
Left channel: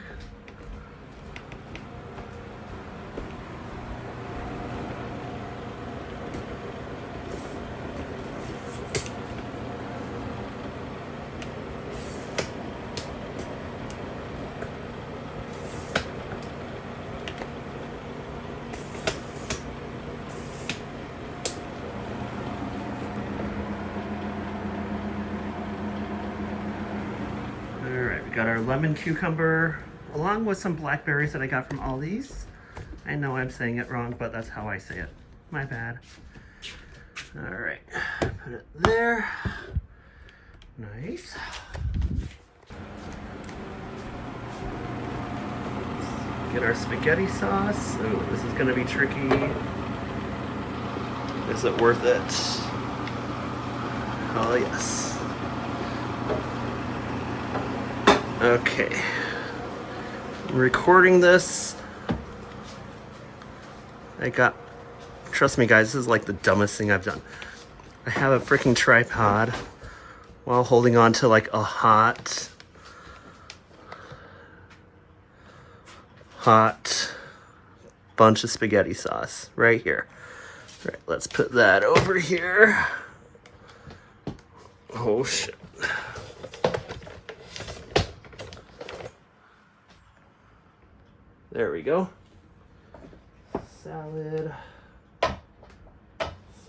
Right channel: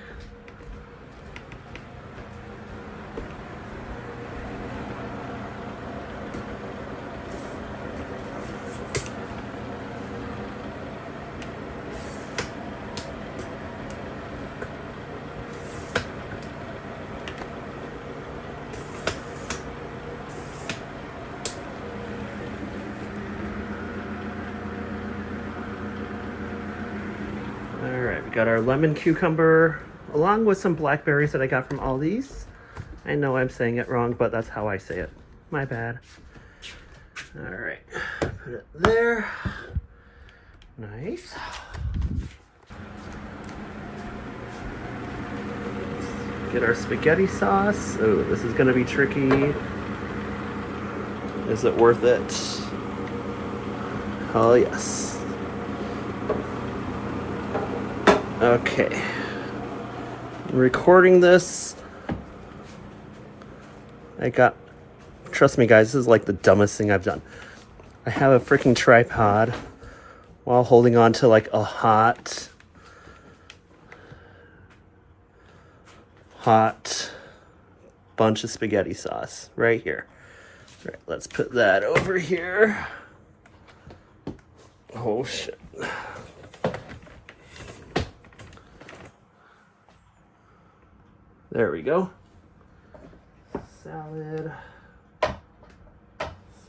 Alright, we got our lemon cucumber along with some blackberries that I got from Aldi's. I know I'm saying it wrong, but that's how I say it. My bad. Alright, put it there. Nice. Get our spaghetti sauce. Oh, this is gonna be tricky. Is it worth it? Oh, yes. Okay. I'm recording this. Trust me guys, this is like the dumbest thing I've done. I have a freaking tripod while holding on to like a hot bunch of spaghetti sauce right here. All right, let's put that over here. Oh shit. There we go. Salad,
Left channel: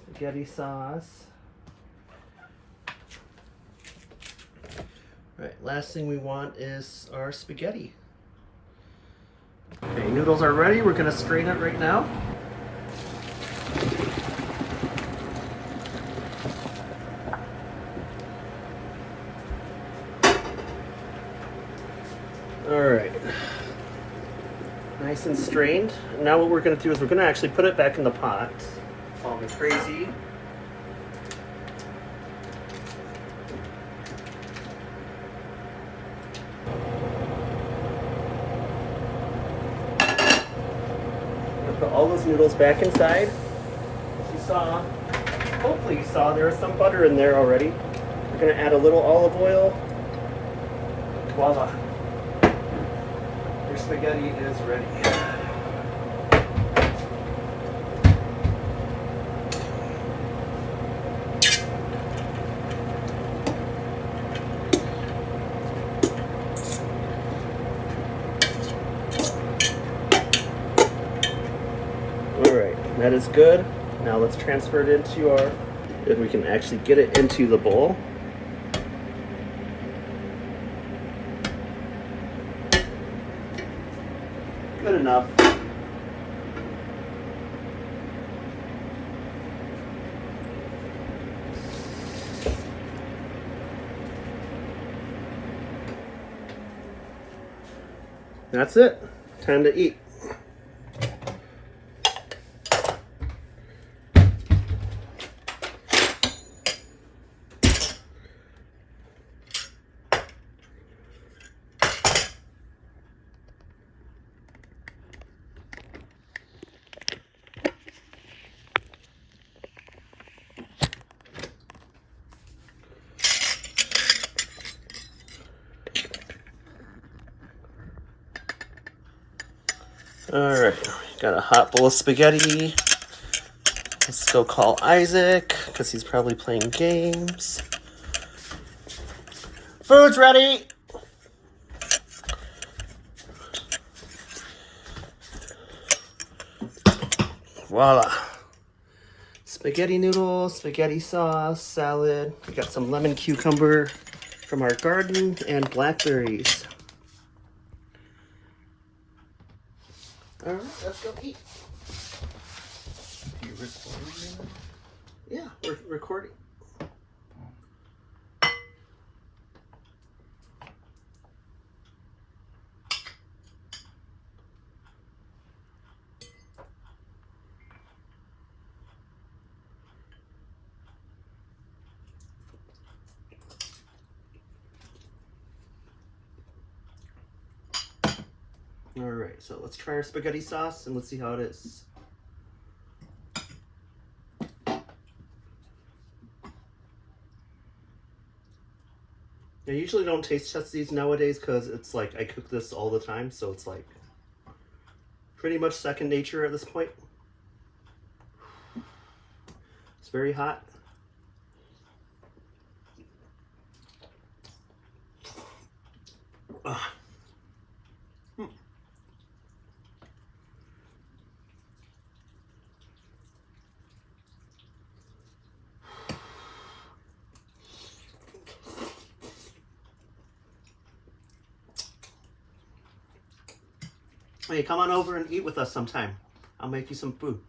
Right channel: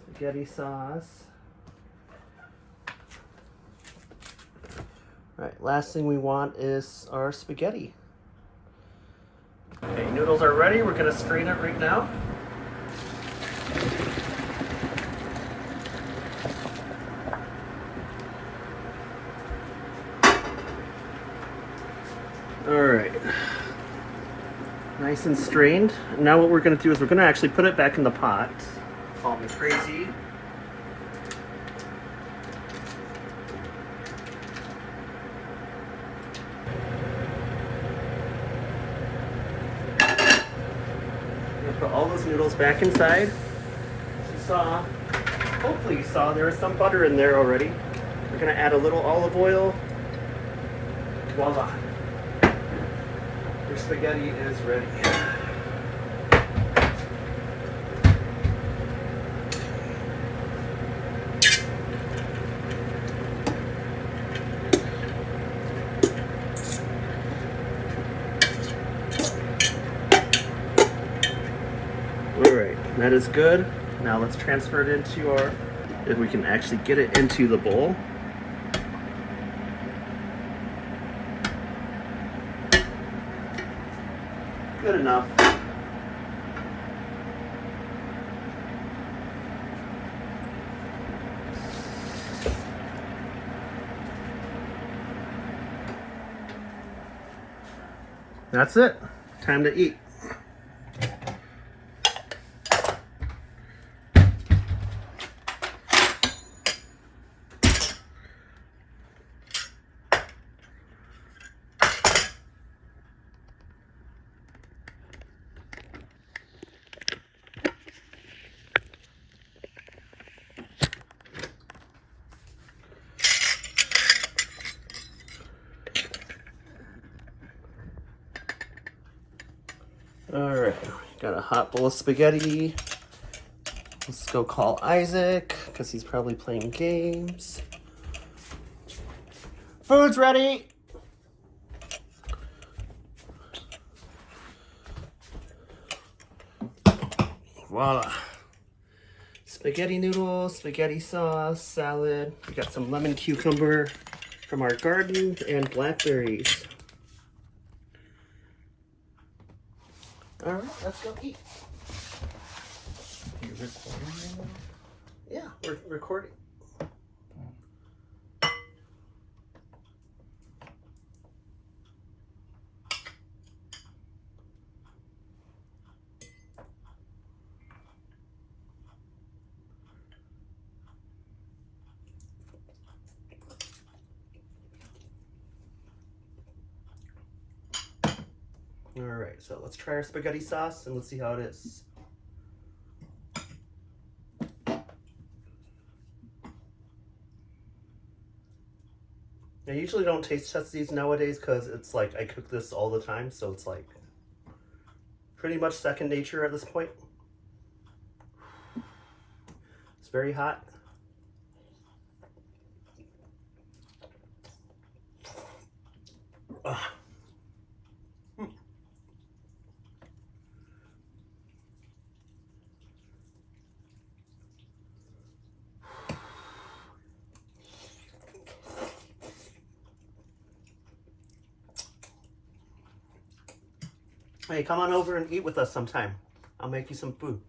spaghetti sauce. All right, last thing we want is our spaghetti. Okay, noodles are ready. We're gonna strain it right now. All right. Nice and strained. Now what we're going to do is we're going to actually put it back in the pot. Call me crazy. I'm going to put all those noodles back inside. As you saw, hopefully you saw there was some butter in there already. We're going to add a little olive oil. Voila. Your spaghetti is ready. Alright, that is good. Now let's transfer it into our, if we can actually get it into the bowl. Good enough. That's it. Time to eat. Alright, got a hot bowl of spaghetti. Let's go call Isaac, because he's probably playing games. Food's ready! Voila. spaghetti noodles, spaghetti sauce, salad. We got some lemon cucumber from our garden and blackberries. All right, let's go eat. You recording right now? Yeah, we're recording. All right, so let's try our spaghetti sauce and let's see how it is. I usually don't taste test these nowadays because it's like I cook this all the time, so it's like pretty much second nature at this point. It's very hot. Ah. Hey, come on over and eat with us sometime. I'll make you some food.